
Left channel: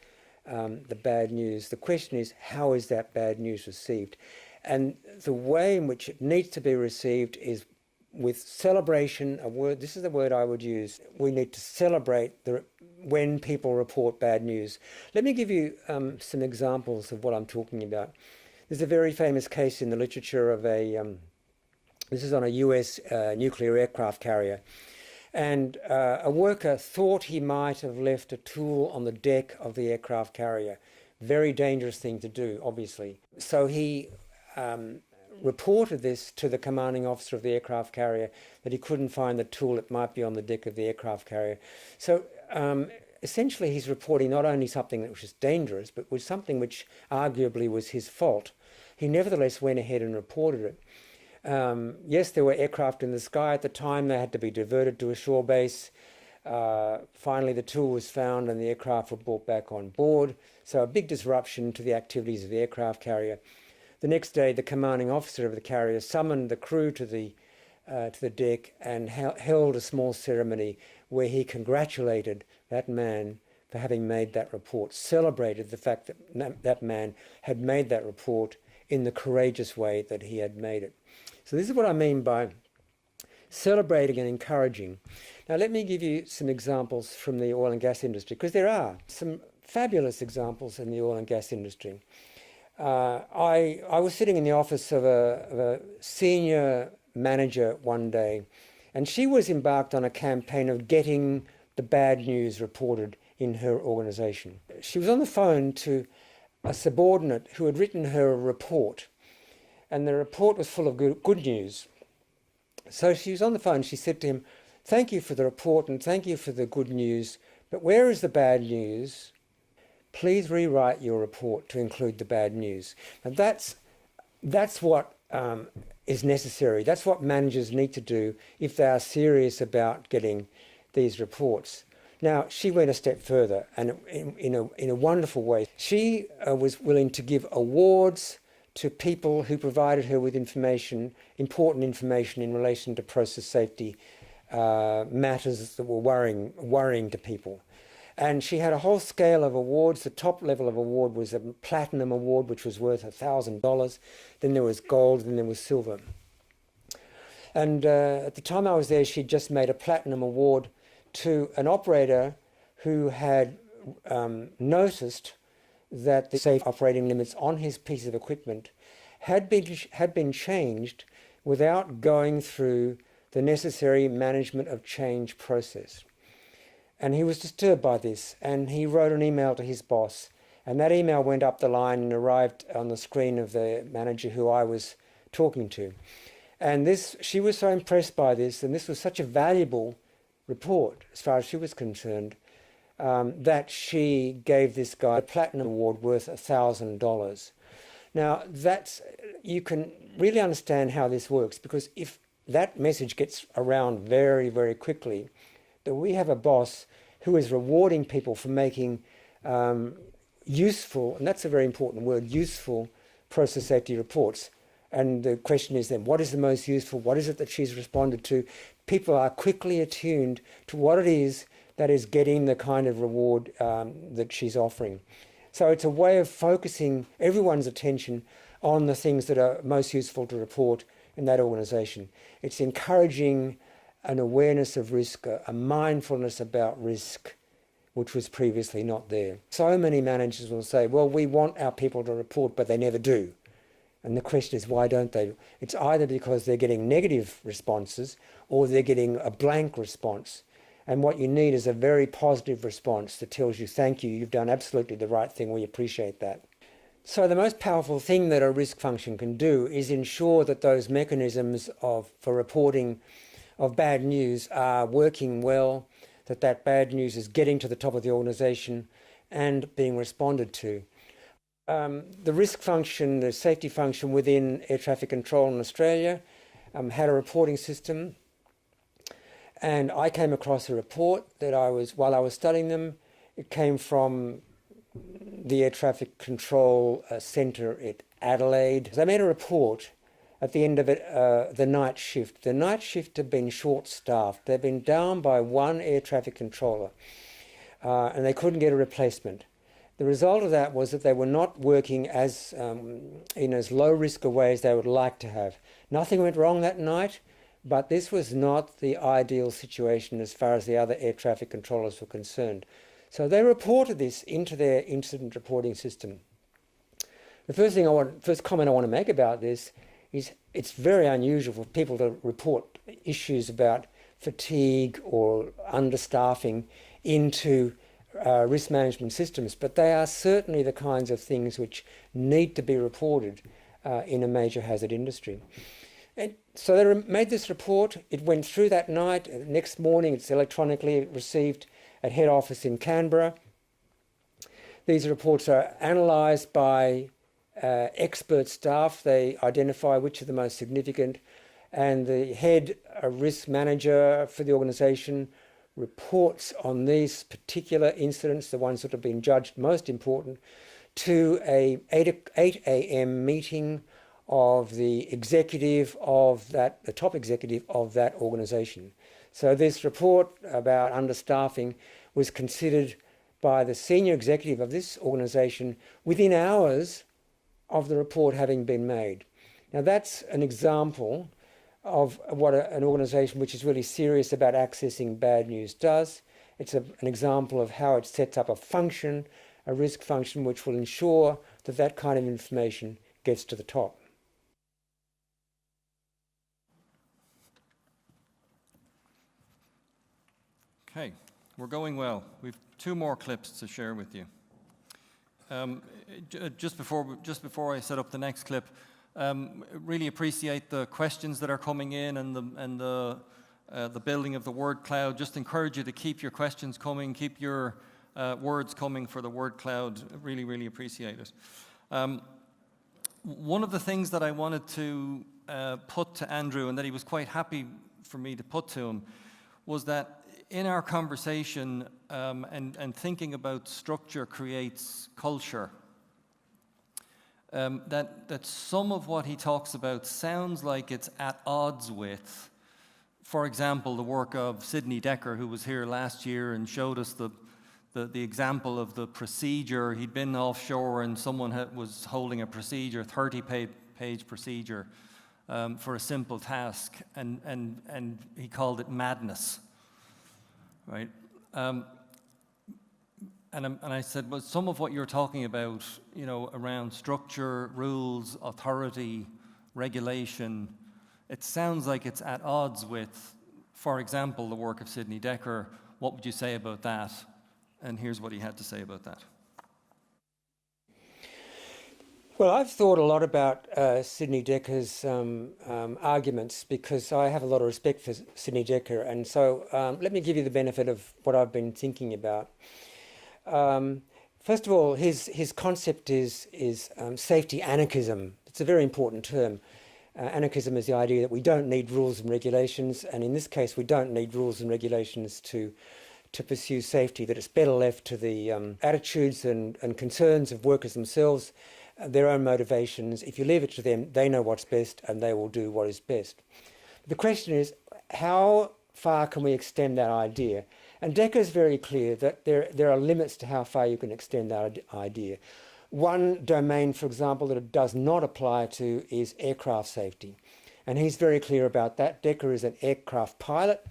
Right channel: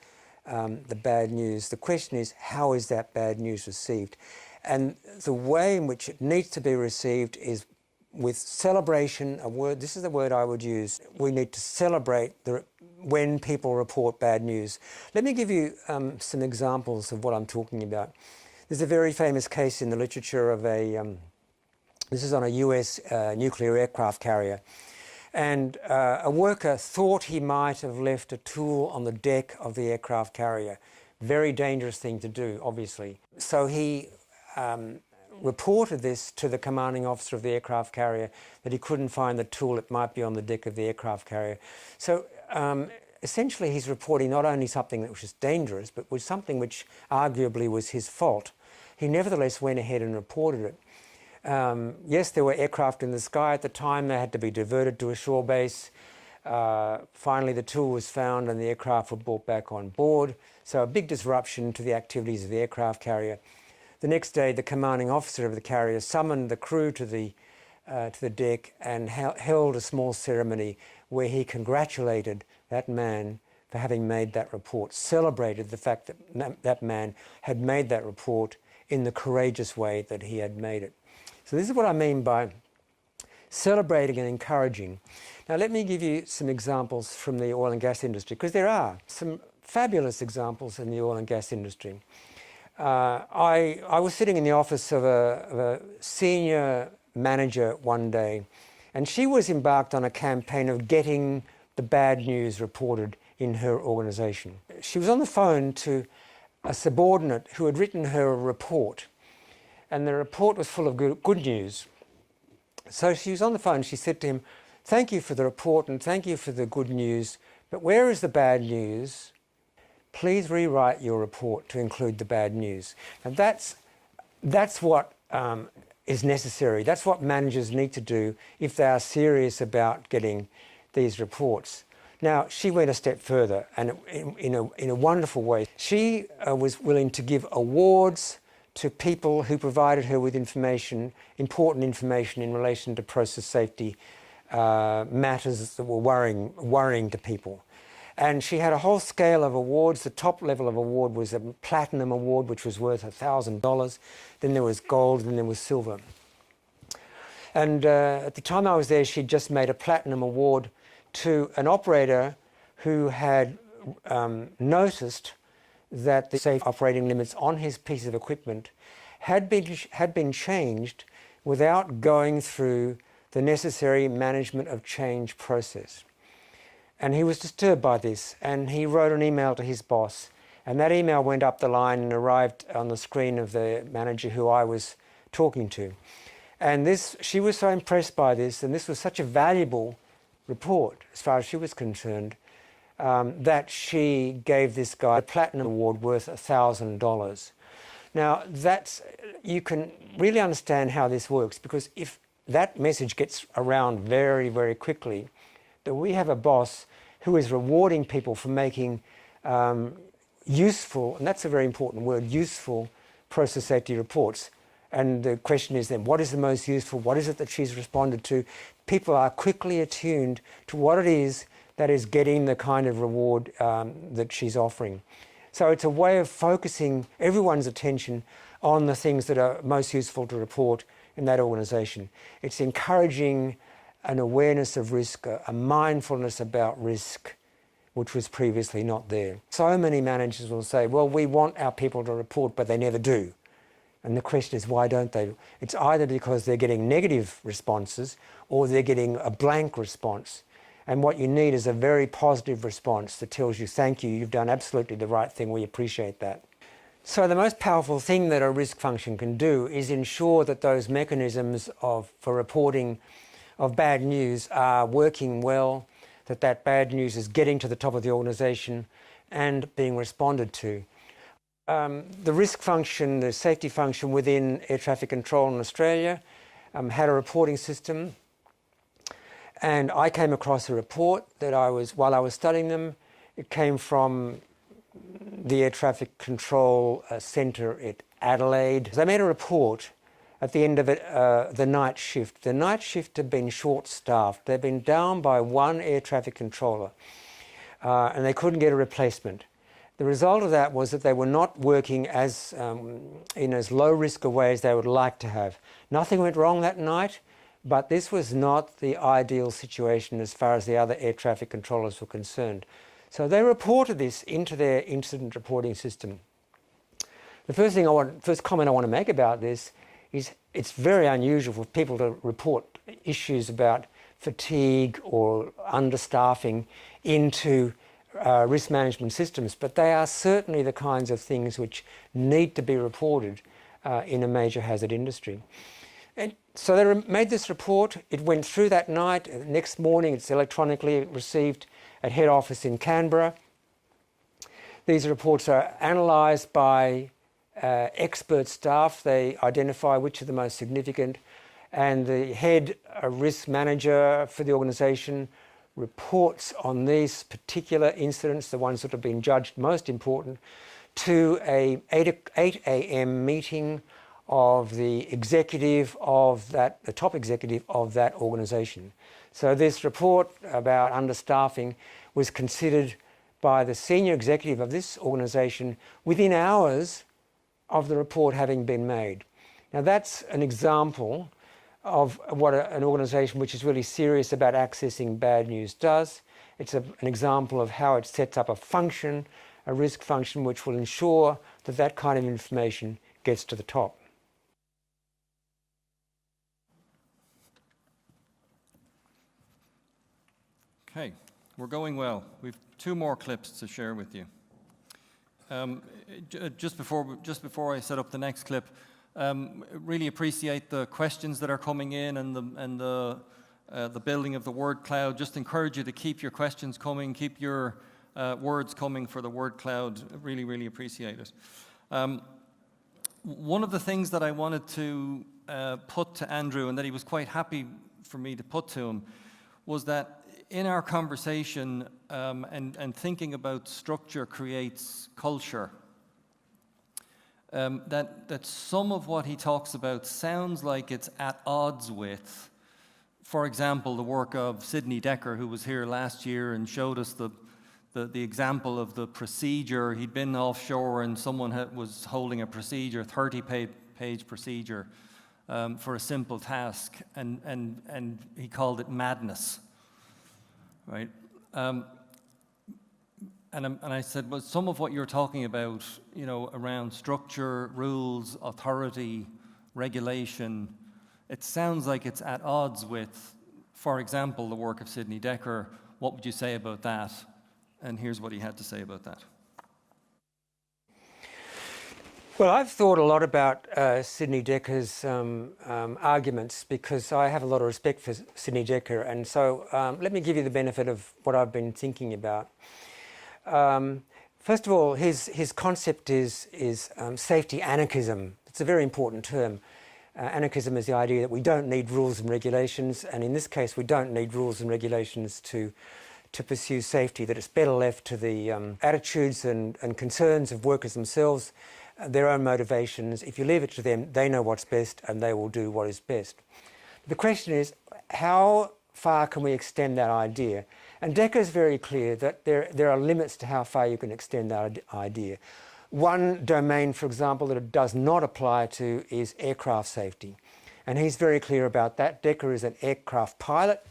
the bad news. The question is, how is that bad news received? And the way in which it needs to be received is with celebration. This is the word I would use. We need to celebrate when people report bad news. Let me give you some examples of what I'm talking about. There's a very famous case in the literature of this is on a US nuclear aircraft carrier. And a worker thought he might have left a tool on the deck of the aircraft carrier. Very dangerous thing to do, obviously. So he reported this to the commanding officer of the aircraft carrier, that he couldn't find the tool that might be on the deck of the aircraft carrier. So essentially he's reporting not only something that was just dangerous, but was something which arguably was his fault. He nevertheless went ahead and reported it. Yes, there were aircraft in the sky at the time. They had to be diverted to a shore base. Finally, the tool was found and the aircraft were brought back on board. So a big disruption to the activities of the aircraft carrier. The next day, the commanding officer of the carrier summoned the crew to the deck and held a small ceremony where he congratulated that man for having made that report, celebrated the fact that that man had made that report in the courageous way that he had made it. So this is what I mean by celebrating and encouraging. Now let me give you some examples from the oil and gas industry, because there are some fabulous examples in the oil and gas industry. I was sitting in the office of a senior manager one day, and she was embarked on a campaign of getting the bad news reported in her organisation. She was on the phone to a subordinate who had written her a report, and the report was full of good news. So she was on the phone, she said to him, "Thank you for the report and thank you for the good news, but where is the bad news? Please rewrite your report to include the bad news." And that's what is necessary. That's what managers need to do if they are serious about getting these reports. Now, she went a step further, and in a wonderful way. She was willing to give awards to people who provided her with information, important information in relation to process safety matters that were worrying to people. And she had a whole scale of awards. The top level of award was a platinum award, which was worth $1,000. Then there was gold, then there was silver. And at the time I was there, she'd just made a platinum award to an operator who had noticed that the safe operating limits on his piece of equipment had been changed without going through the necessary management of change process. And he was disturbed by this, and he wrote an email to his boss, and that email went up the line and arrived on the screen of the manager who I was talking to. And she was so impressed by this, and this was such a valuable report as far as she was concerned, that she gave this guy a platinum award worth $1,000. Now, you can really understand how this works, because if that message gets around very, very quickly, that we have a boss who is rewarding people for making useful, and that's a very important word, useful process safety reports. And the question is then, what is the most useful? What is it that she's responded to? People are quickly attuned to what it is that is getting the kind of reward that she's offering. So it's a way of focusing everyone's attention on the things that are most useful to report in that organisation. It's encouraging an awareness of risk, a mindfulness about risk, which was previously not there. So many managers will say, well, we want our people to report, but they never do. And the question is, why don't they? It's either because they're getting negative responses or they're getting a blank response. And what you need is a very positive response that tells you, thank you, you've done absolutely the right thing, we appreciate that. So the most powerful thing that a risk function can do is ensure that those mechanisms for reporting of bad news are working well, that bad news is getting to the top of the organisation and being responded to. The risk function, the safety function within air traffic control in Australia had a reporting system, and I came across a report that while I was studying them, it came from the Air Traffic Control Centre at Adelaide. They made a report at the end of it, the night shift. The night shift had been short-staffed. They'd been down by one air traffic controller, and they couldn't get a replacement. The result of that was that they were not working in as low-risk a way as they would like to have. Nothing went wrong that night, but this was not the ideal situation as far as the other air traffic controllers were concerned. So they reported this into their incident reporting system. The first comment I want to make about this is it's very unusual for people to report issues about fatigue or understaffing into risk management systems, but they are certainly the kinds of things which need to be reported in a major hazard industry. And so they made this report. It went through that night. The next morning, it's electronically received at head office in Canberra. These reports are analysed by expert staff. They identify which are the most significant, and the head risk manager for the organisation reports on these particular incidents, the ones that have been judged most important, to a 8 a.m. meeting of the executive of that, the top executive of that organisation. So this report about understaffing was considered by the senior executive of this organisation within hours of the report having been made. Now that's an example of what an organisation which is really serious about accessing bad news does. It's an example of how it sets up a function, a risk function, which will ensure that that kind of information gets to the top. Okay, we're going well. We've 2 more clips to share with you. Just before I set up the next clip, really appreciate the questions that are coming in and the building of the word cloud. Just encourage you to keep your questions coming, keep your words coming for the word cloud. Really, really appreciate it. One of the things that I wanted to put to Andrew, and that he was quite happy for me to put to him, was that in our conversation and thinking about structure creates culture, that some of what he talks about sounds like it's at odds with, for example, the work of Sidney Dekker, who was here last year and showed us the example of the procedure. He'd been offshore and someone was holding a procedure, 30-page procedure for a simple task, and he called it madness, right? And I said, well, some of what you're talking about, you know, around structure, rules, authority, regulation, it sounds like it's at odds with, for example, the work of Sidney Dekker. What would you say about that? And here's what he had to say about that. Well, I've thought a lot about Sidney Dekker's arguments, because I have a lot of respect for Sidney Dekker. And so let me give you the benefit of what I've been thinking about. First of all, his concept is safety anarchism. It's a very important term. Anarchism is the idea that we don't need rules and regulations, and in this case we don't need rules and regulations to pursue safety, that it's better left to the attitudes and concerns of workers themselves, their own motivations. If you leave it to them, they know what's best and they will do what is best. The question is, how far can we extend that idea? And Dekker is very clear that there are limits to how far you can extend that idea. One domain, for example, that it does not apply to is aircraft safety. And he's very clear about that. Dekker is an aircraft pilot.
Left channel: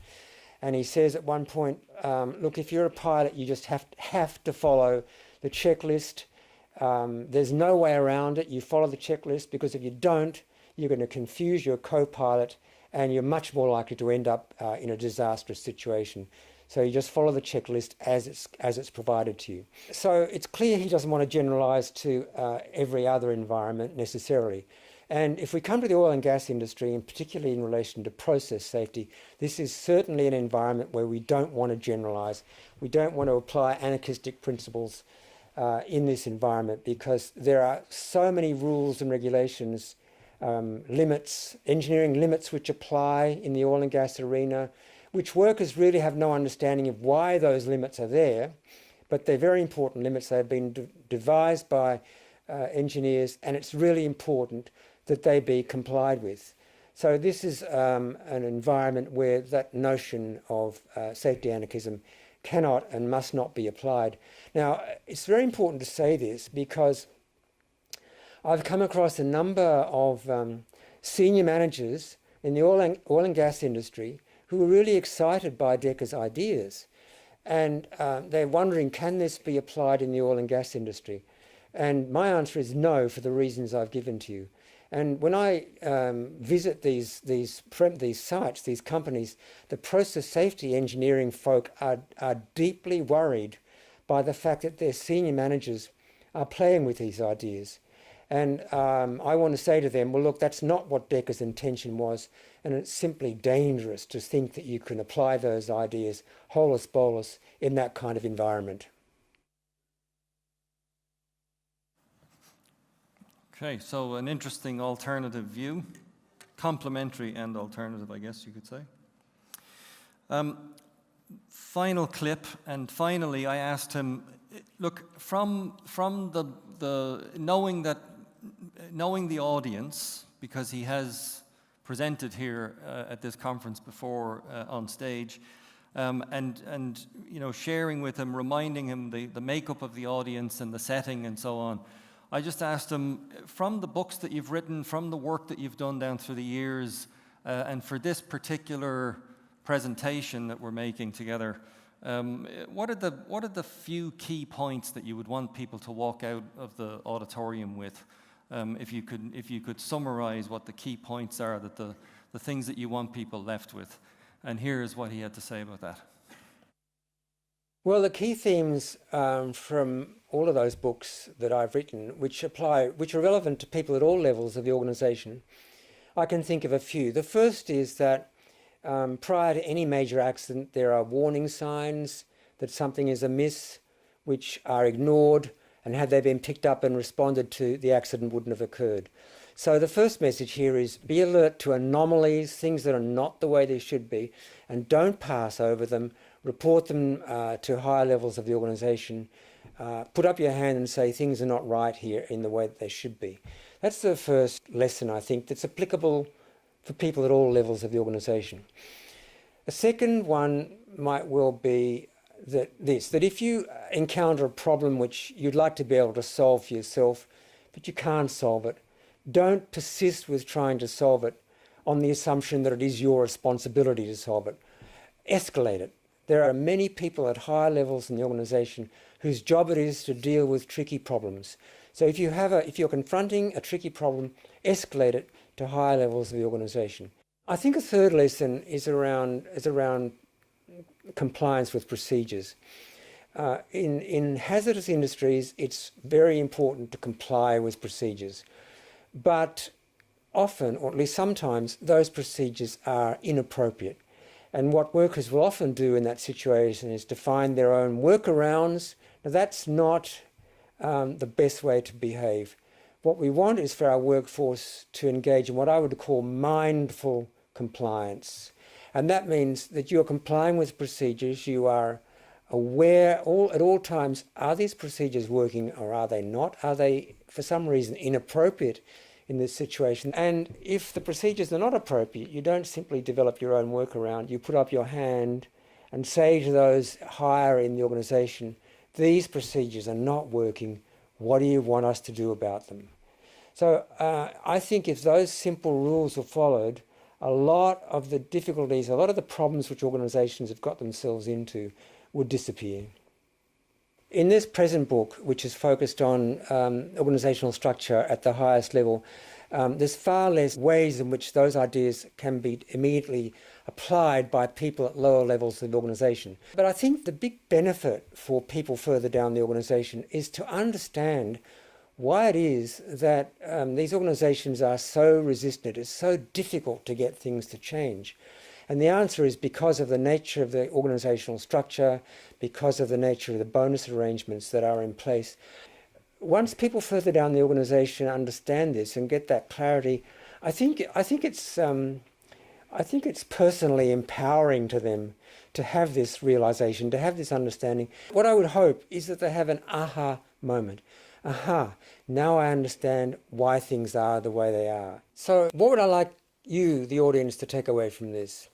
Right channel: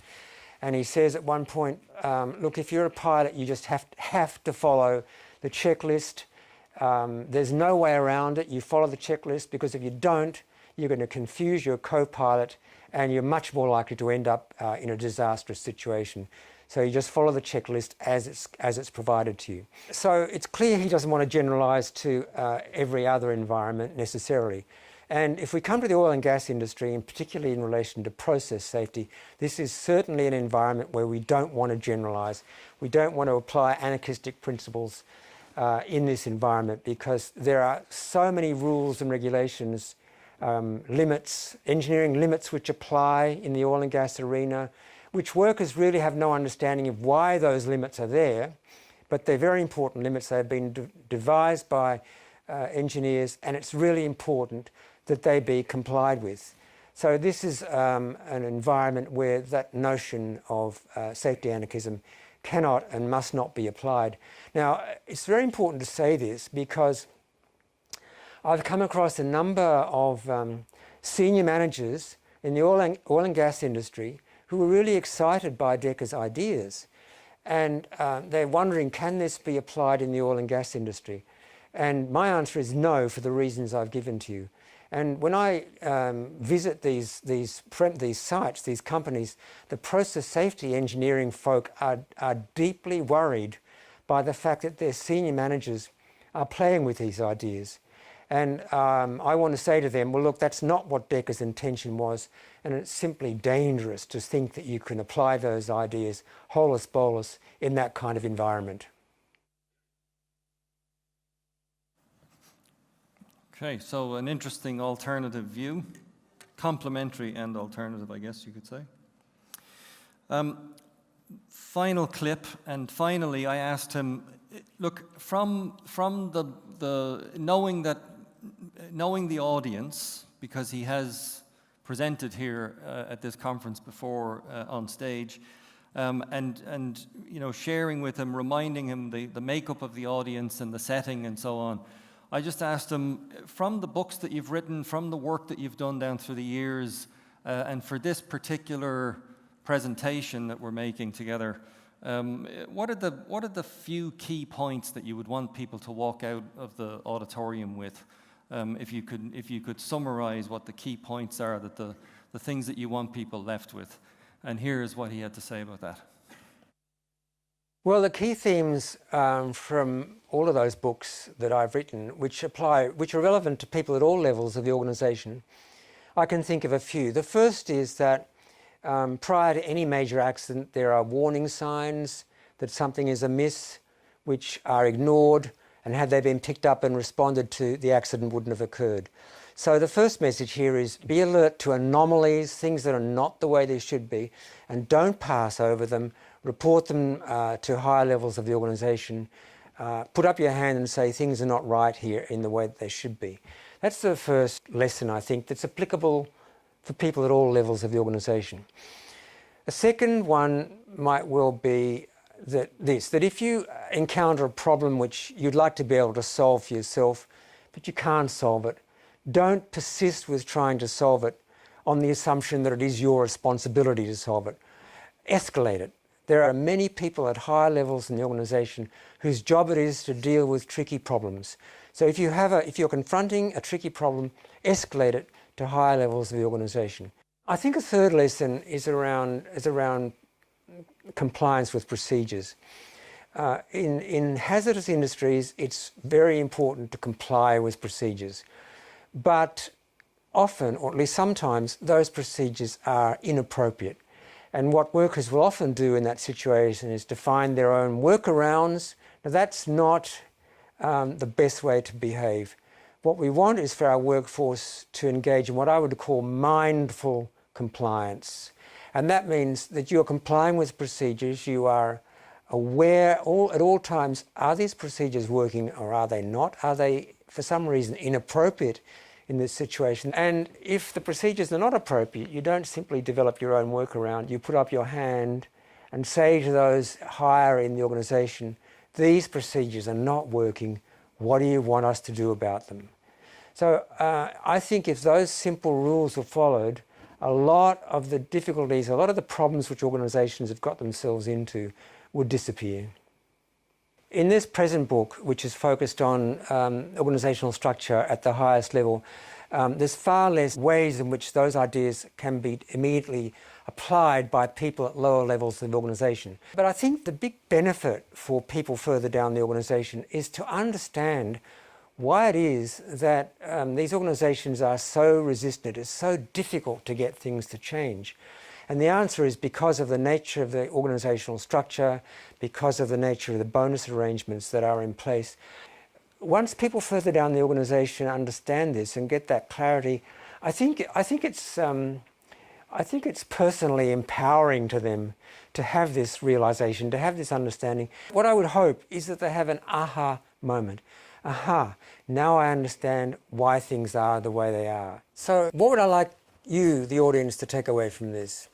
And he says at one point, look, if you're a pilot, you just have to follow the checklist. There's no way around it. You follow the checklist, because if you don't, you're going to confuse your co-pilot and you're much more likely to end up in a disastrous situation. So you just follow the checklist as it's provided to you. So it's clear he doesn't want to generalise to every other environment necessarily. And if we come to the oil and gas industry, and particularly in relation to process safety, this is certainly an environment where we don't want to generalise. We don't want to apply anarchistic principles in this environment, because there are so many rules and regulations, limits, engineering limits which apply in the oil and gas arena, which workers really have no understanding of why those limits are there, but they're very important limits. They've been devised by engineers, and it's really important that they be complied with. So this is an environment where that notion of safety anarchism cannot and must not be applied. Now, it's very important to say this, because I've come across a number of senior managers in the oil and gas industry who were really excited by Dekker's ideas. And they're wondering, can this be applied in the oil and gas industry? And my answer is no, for the reasons I've given to you. And when I visit these sites, these companies, the process safety engineering folk are deeply worried by the fact that their senior managers are playing with these ideas. And I want to say to them, well, look, that's not what Decker's intention was, and it's simply dangerous to think that you can apply those ideas holus bolus in that kind of environment. Okay, so an interesting alternative view, complementary and alternative, I guess you could say. Final clip, and finally I asked him, look, from the knowing the audience, because he has presented here at this conference before on stage, and you know, sharing with him, reminding him the makeup of the audience and the setting and so on. I just asked him, from the books that you've written, from the work that you've done down through the years, and for this particular presentation that we're making together, what are the few key points that you would want people to walk out of the auditorium with? If you could summarize what the key points are, that the things that you want people left with. And here's what he had to say about that. Well, the key themes from all of those books that I've written, which are relevant to people at all levels of the organisation, I can think of a few. The first is that prior to any major accident, there are warning signs that something is amiss, which are ignored, and had they been picked up and responded to, the accident wouldn't have occurred. So the first message here is be alert to anomalies, things that are not the way they should be, and don't pass over them. Report them to higher levels of the organisation. Put up your hand and say things are not right here in the way that they should be. That's the first lesson, I think, that's applicable for people at all levels of the organisation. A second one might well be that if you encounter a problem which you'd like to be able to solve for yourself, but you can't solve it, don't persist with trying to solve it on the assumption that it is your responsibility to solve it. Escalate it. There are many people at higher levels in the organisation whose job it is to deal with tricky problems. So if you're confronting a tricky problem, escalate it to higher levels of the organisation. I think a third lesson is around compliance with procedures. In hazardous industries, it's very important to comply with procedures, but often, or at least sometimes, those procedures are inappropriate. And what workers will often do in that situation is to find their own workarounds. Now, that's not the best way to behave. What we want is for our workforce to engage in what I would call mindful compliance. And that means that you're complying with procedures, you are aware at all times, are these procedures working or are they not? Are they, for some reason, inappropriate in this situation? And if the procedures are not appropriate, you don't simply develop your own workaround. You put up your hand and say to those higher in the organisation, these procedures are not working. What do you want us to do about them? So I think if those simple rules were followed, a lot of the difficulties, a lot of the problems which organisations have got themselves into would disappear. In this present book, which is focused on organisational structure at the highest level, there's far less ways in which those ideas can be immediately applied by people at lower levels of the organisation. But I think the big benefit for people further down the organisation is to understand why it is that these organisations are so resistant. It's so difficult to get things to change. And the answer is because of the nature of the organisational structure, because of the nature of the bonus arrangements that are in place. Once people further down the organisation understand this and get that clarity, I think it's personally empowering to them to have this realisation, to have this understanding. What I would hope is that they have an aha moment. Aha, now I understand why things are the way they are. So what would I like you, the audience, to take away from this?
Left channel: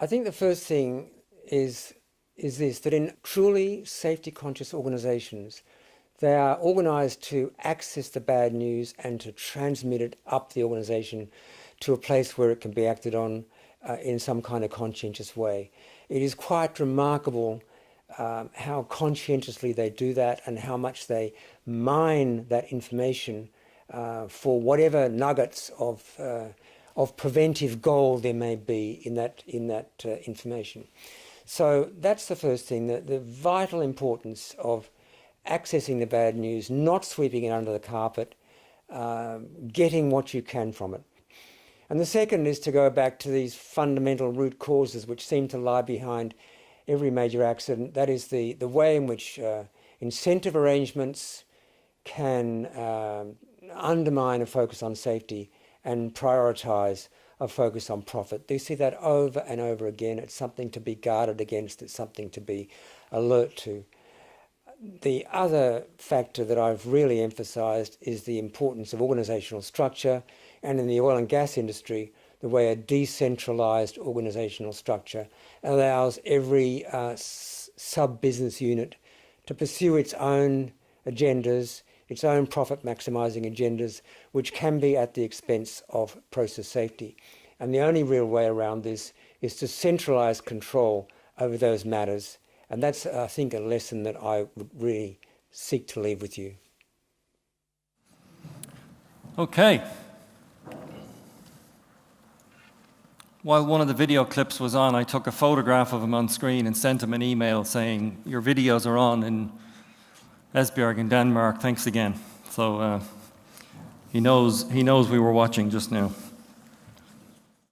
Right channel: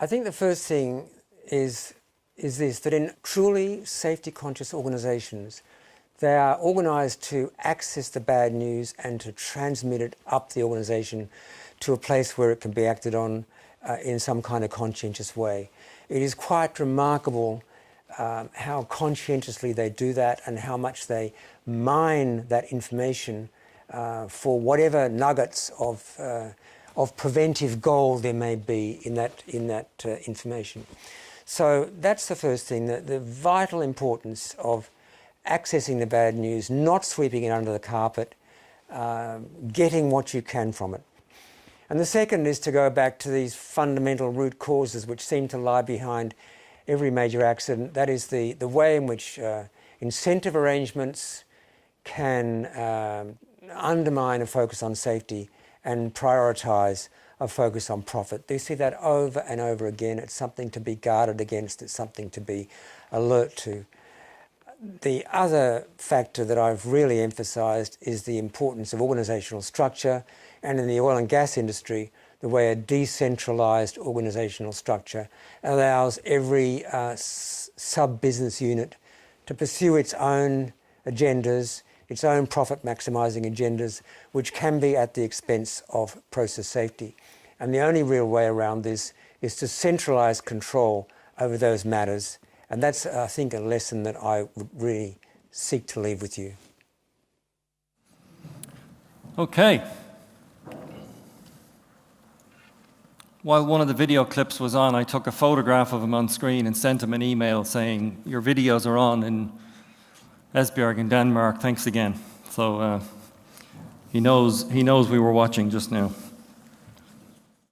I think the first thing is this, that in truly safety-conscious organisations, they are organised to access the bad news and to transmit it up the organisation to a place where it can be acted on in some kind of conscientious way. It is quite remarkable how conscientiously they do that and how much they mine that information for whatever nuggets of preventive gold there may be in that information. So that's the first thing, the vital importance of accessing the bad news, not sweeping it under the carpet, getting what you can from it. And the second is to go back to these fundamental root causes which seem to lie behind every major accident. That is the way in which incentive arrangements can undermine a focus on safety and prioritise a focus on profit. You see that over and over again. It's something to be guarded against. It's something to be alert to. The other factor that I've really emphasised is the importance of organisational structure, and in the oil and gas industry, the way a decentralised organisational structure allows every sub-business unit to pursue its own agendas, its own profit-maximising agendas, which can be at the expense of process safety. And the only real way around this is to centralise control over those matters. And that's, I think, a lesson that I would really seek to leave with you. Okay. While one of the video clips was on, I took a photograph of him on screen and sent him an email saying, "Your videos are on in Esbjerg in Denmark, thanks again." So he knows we were watching just now.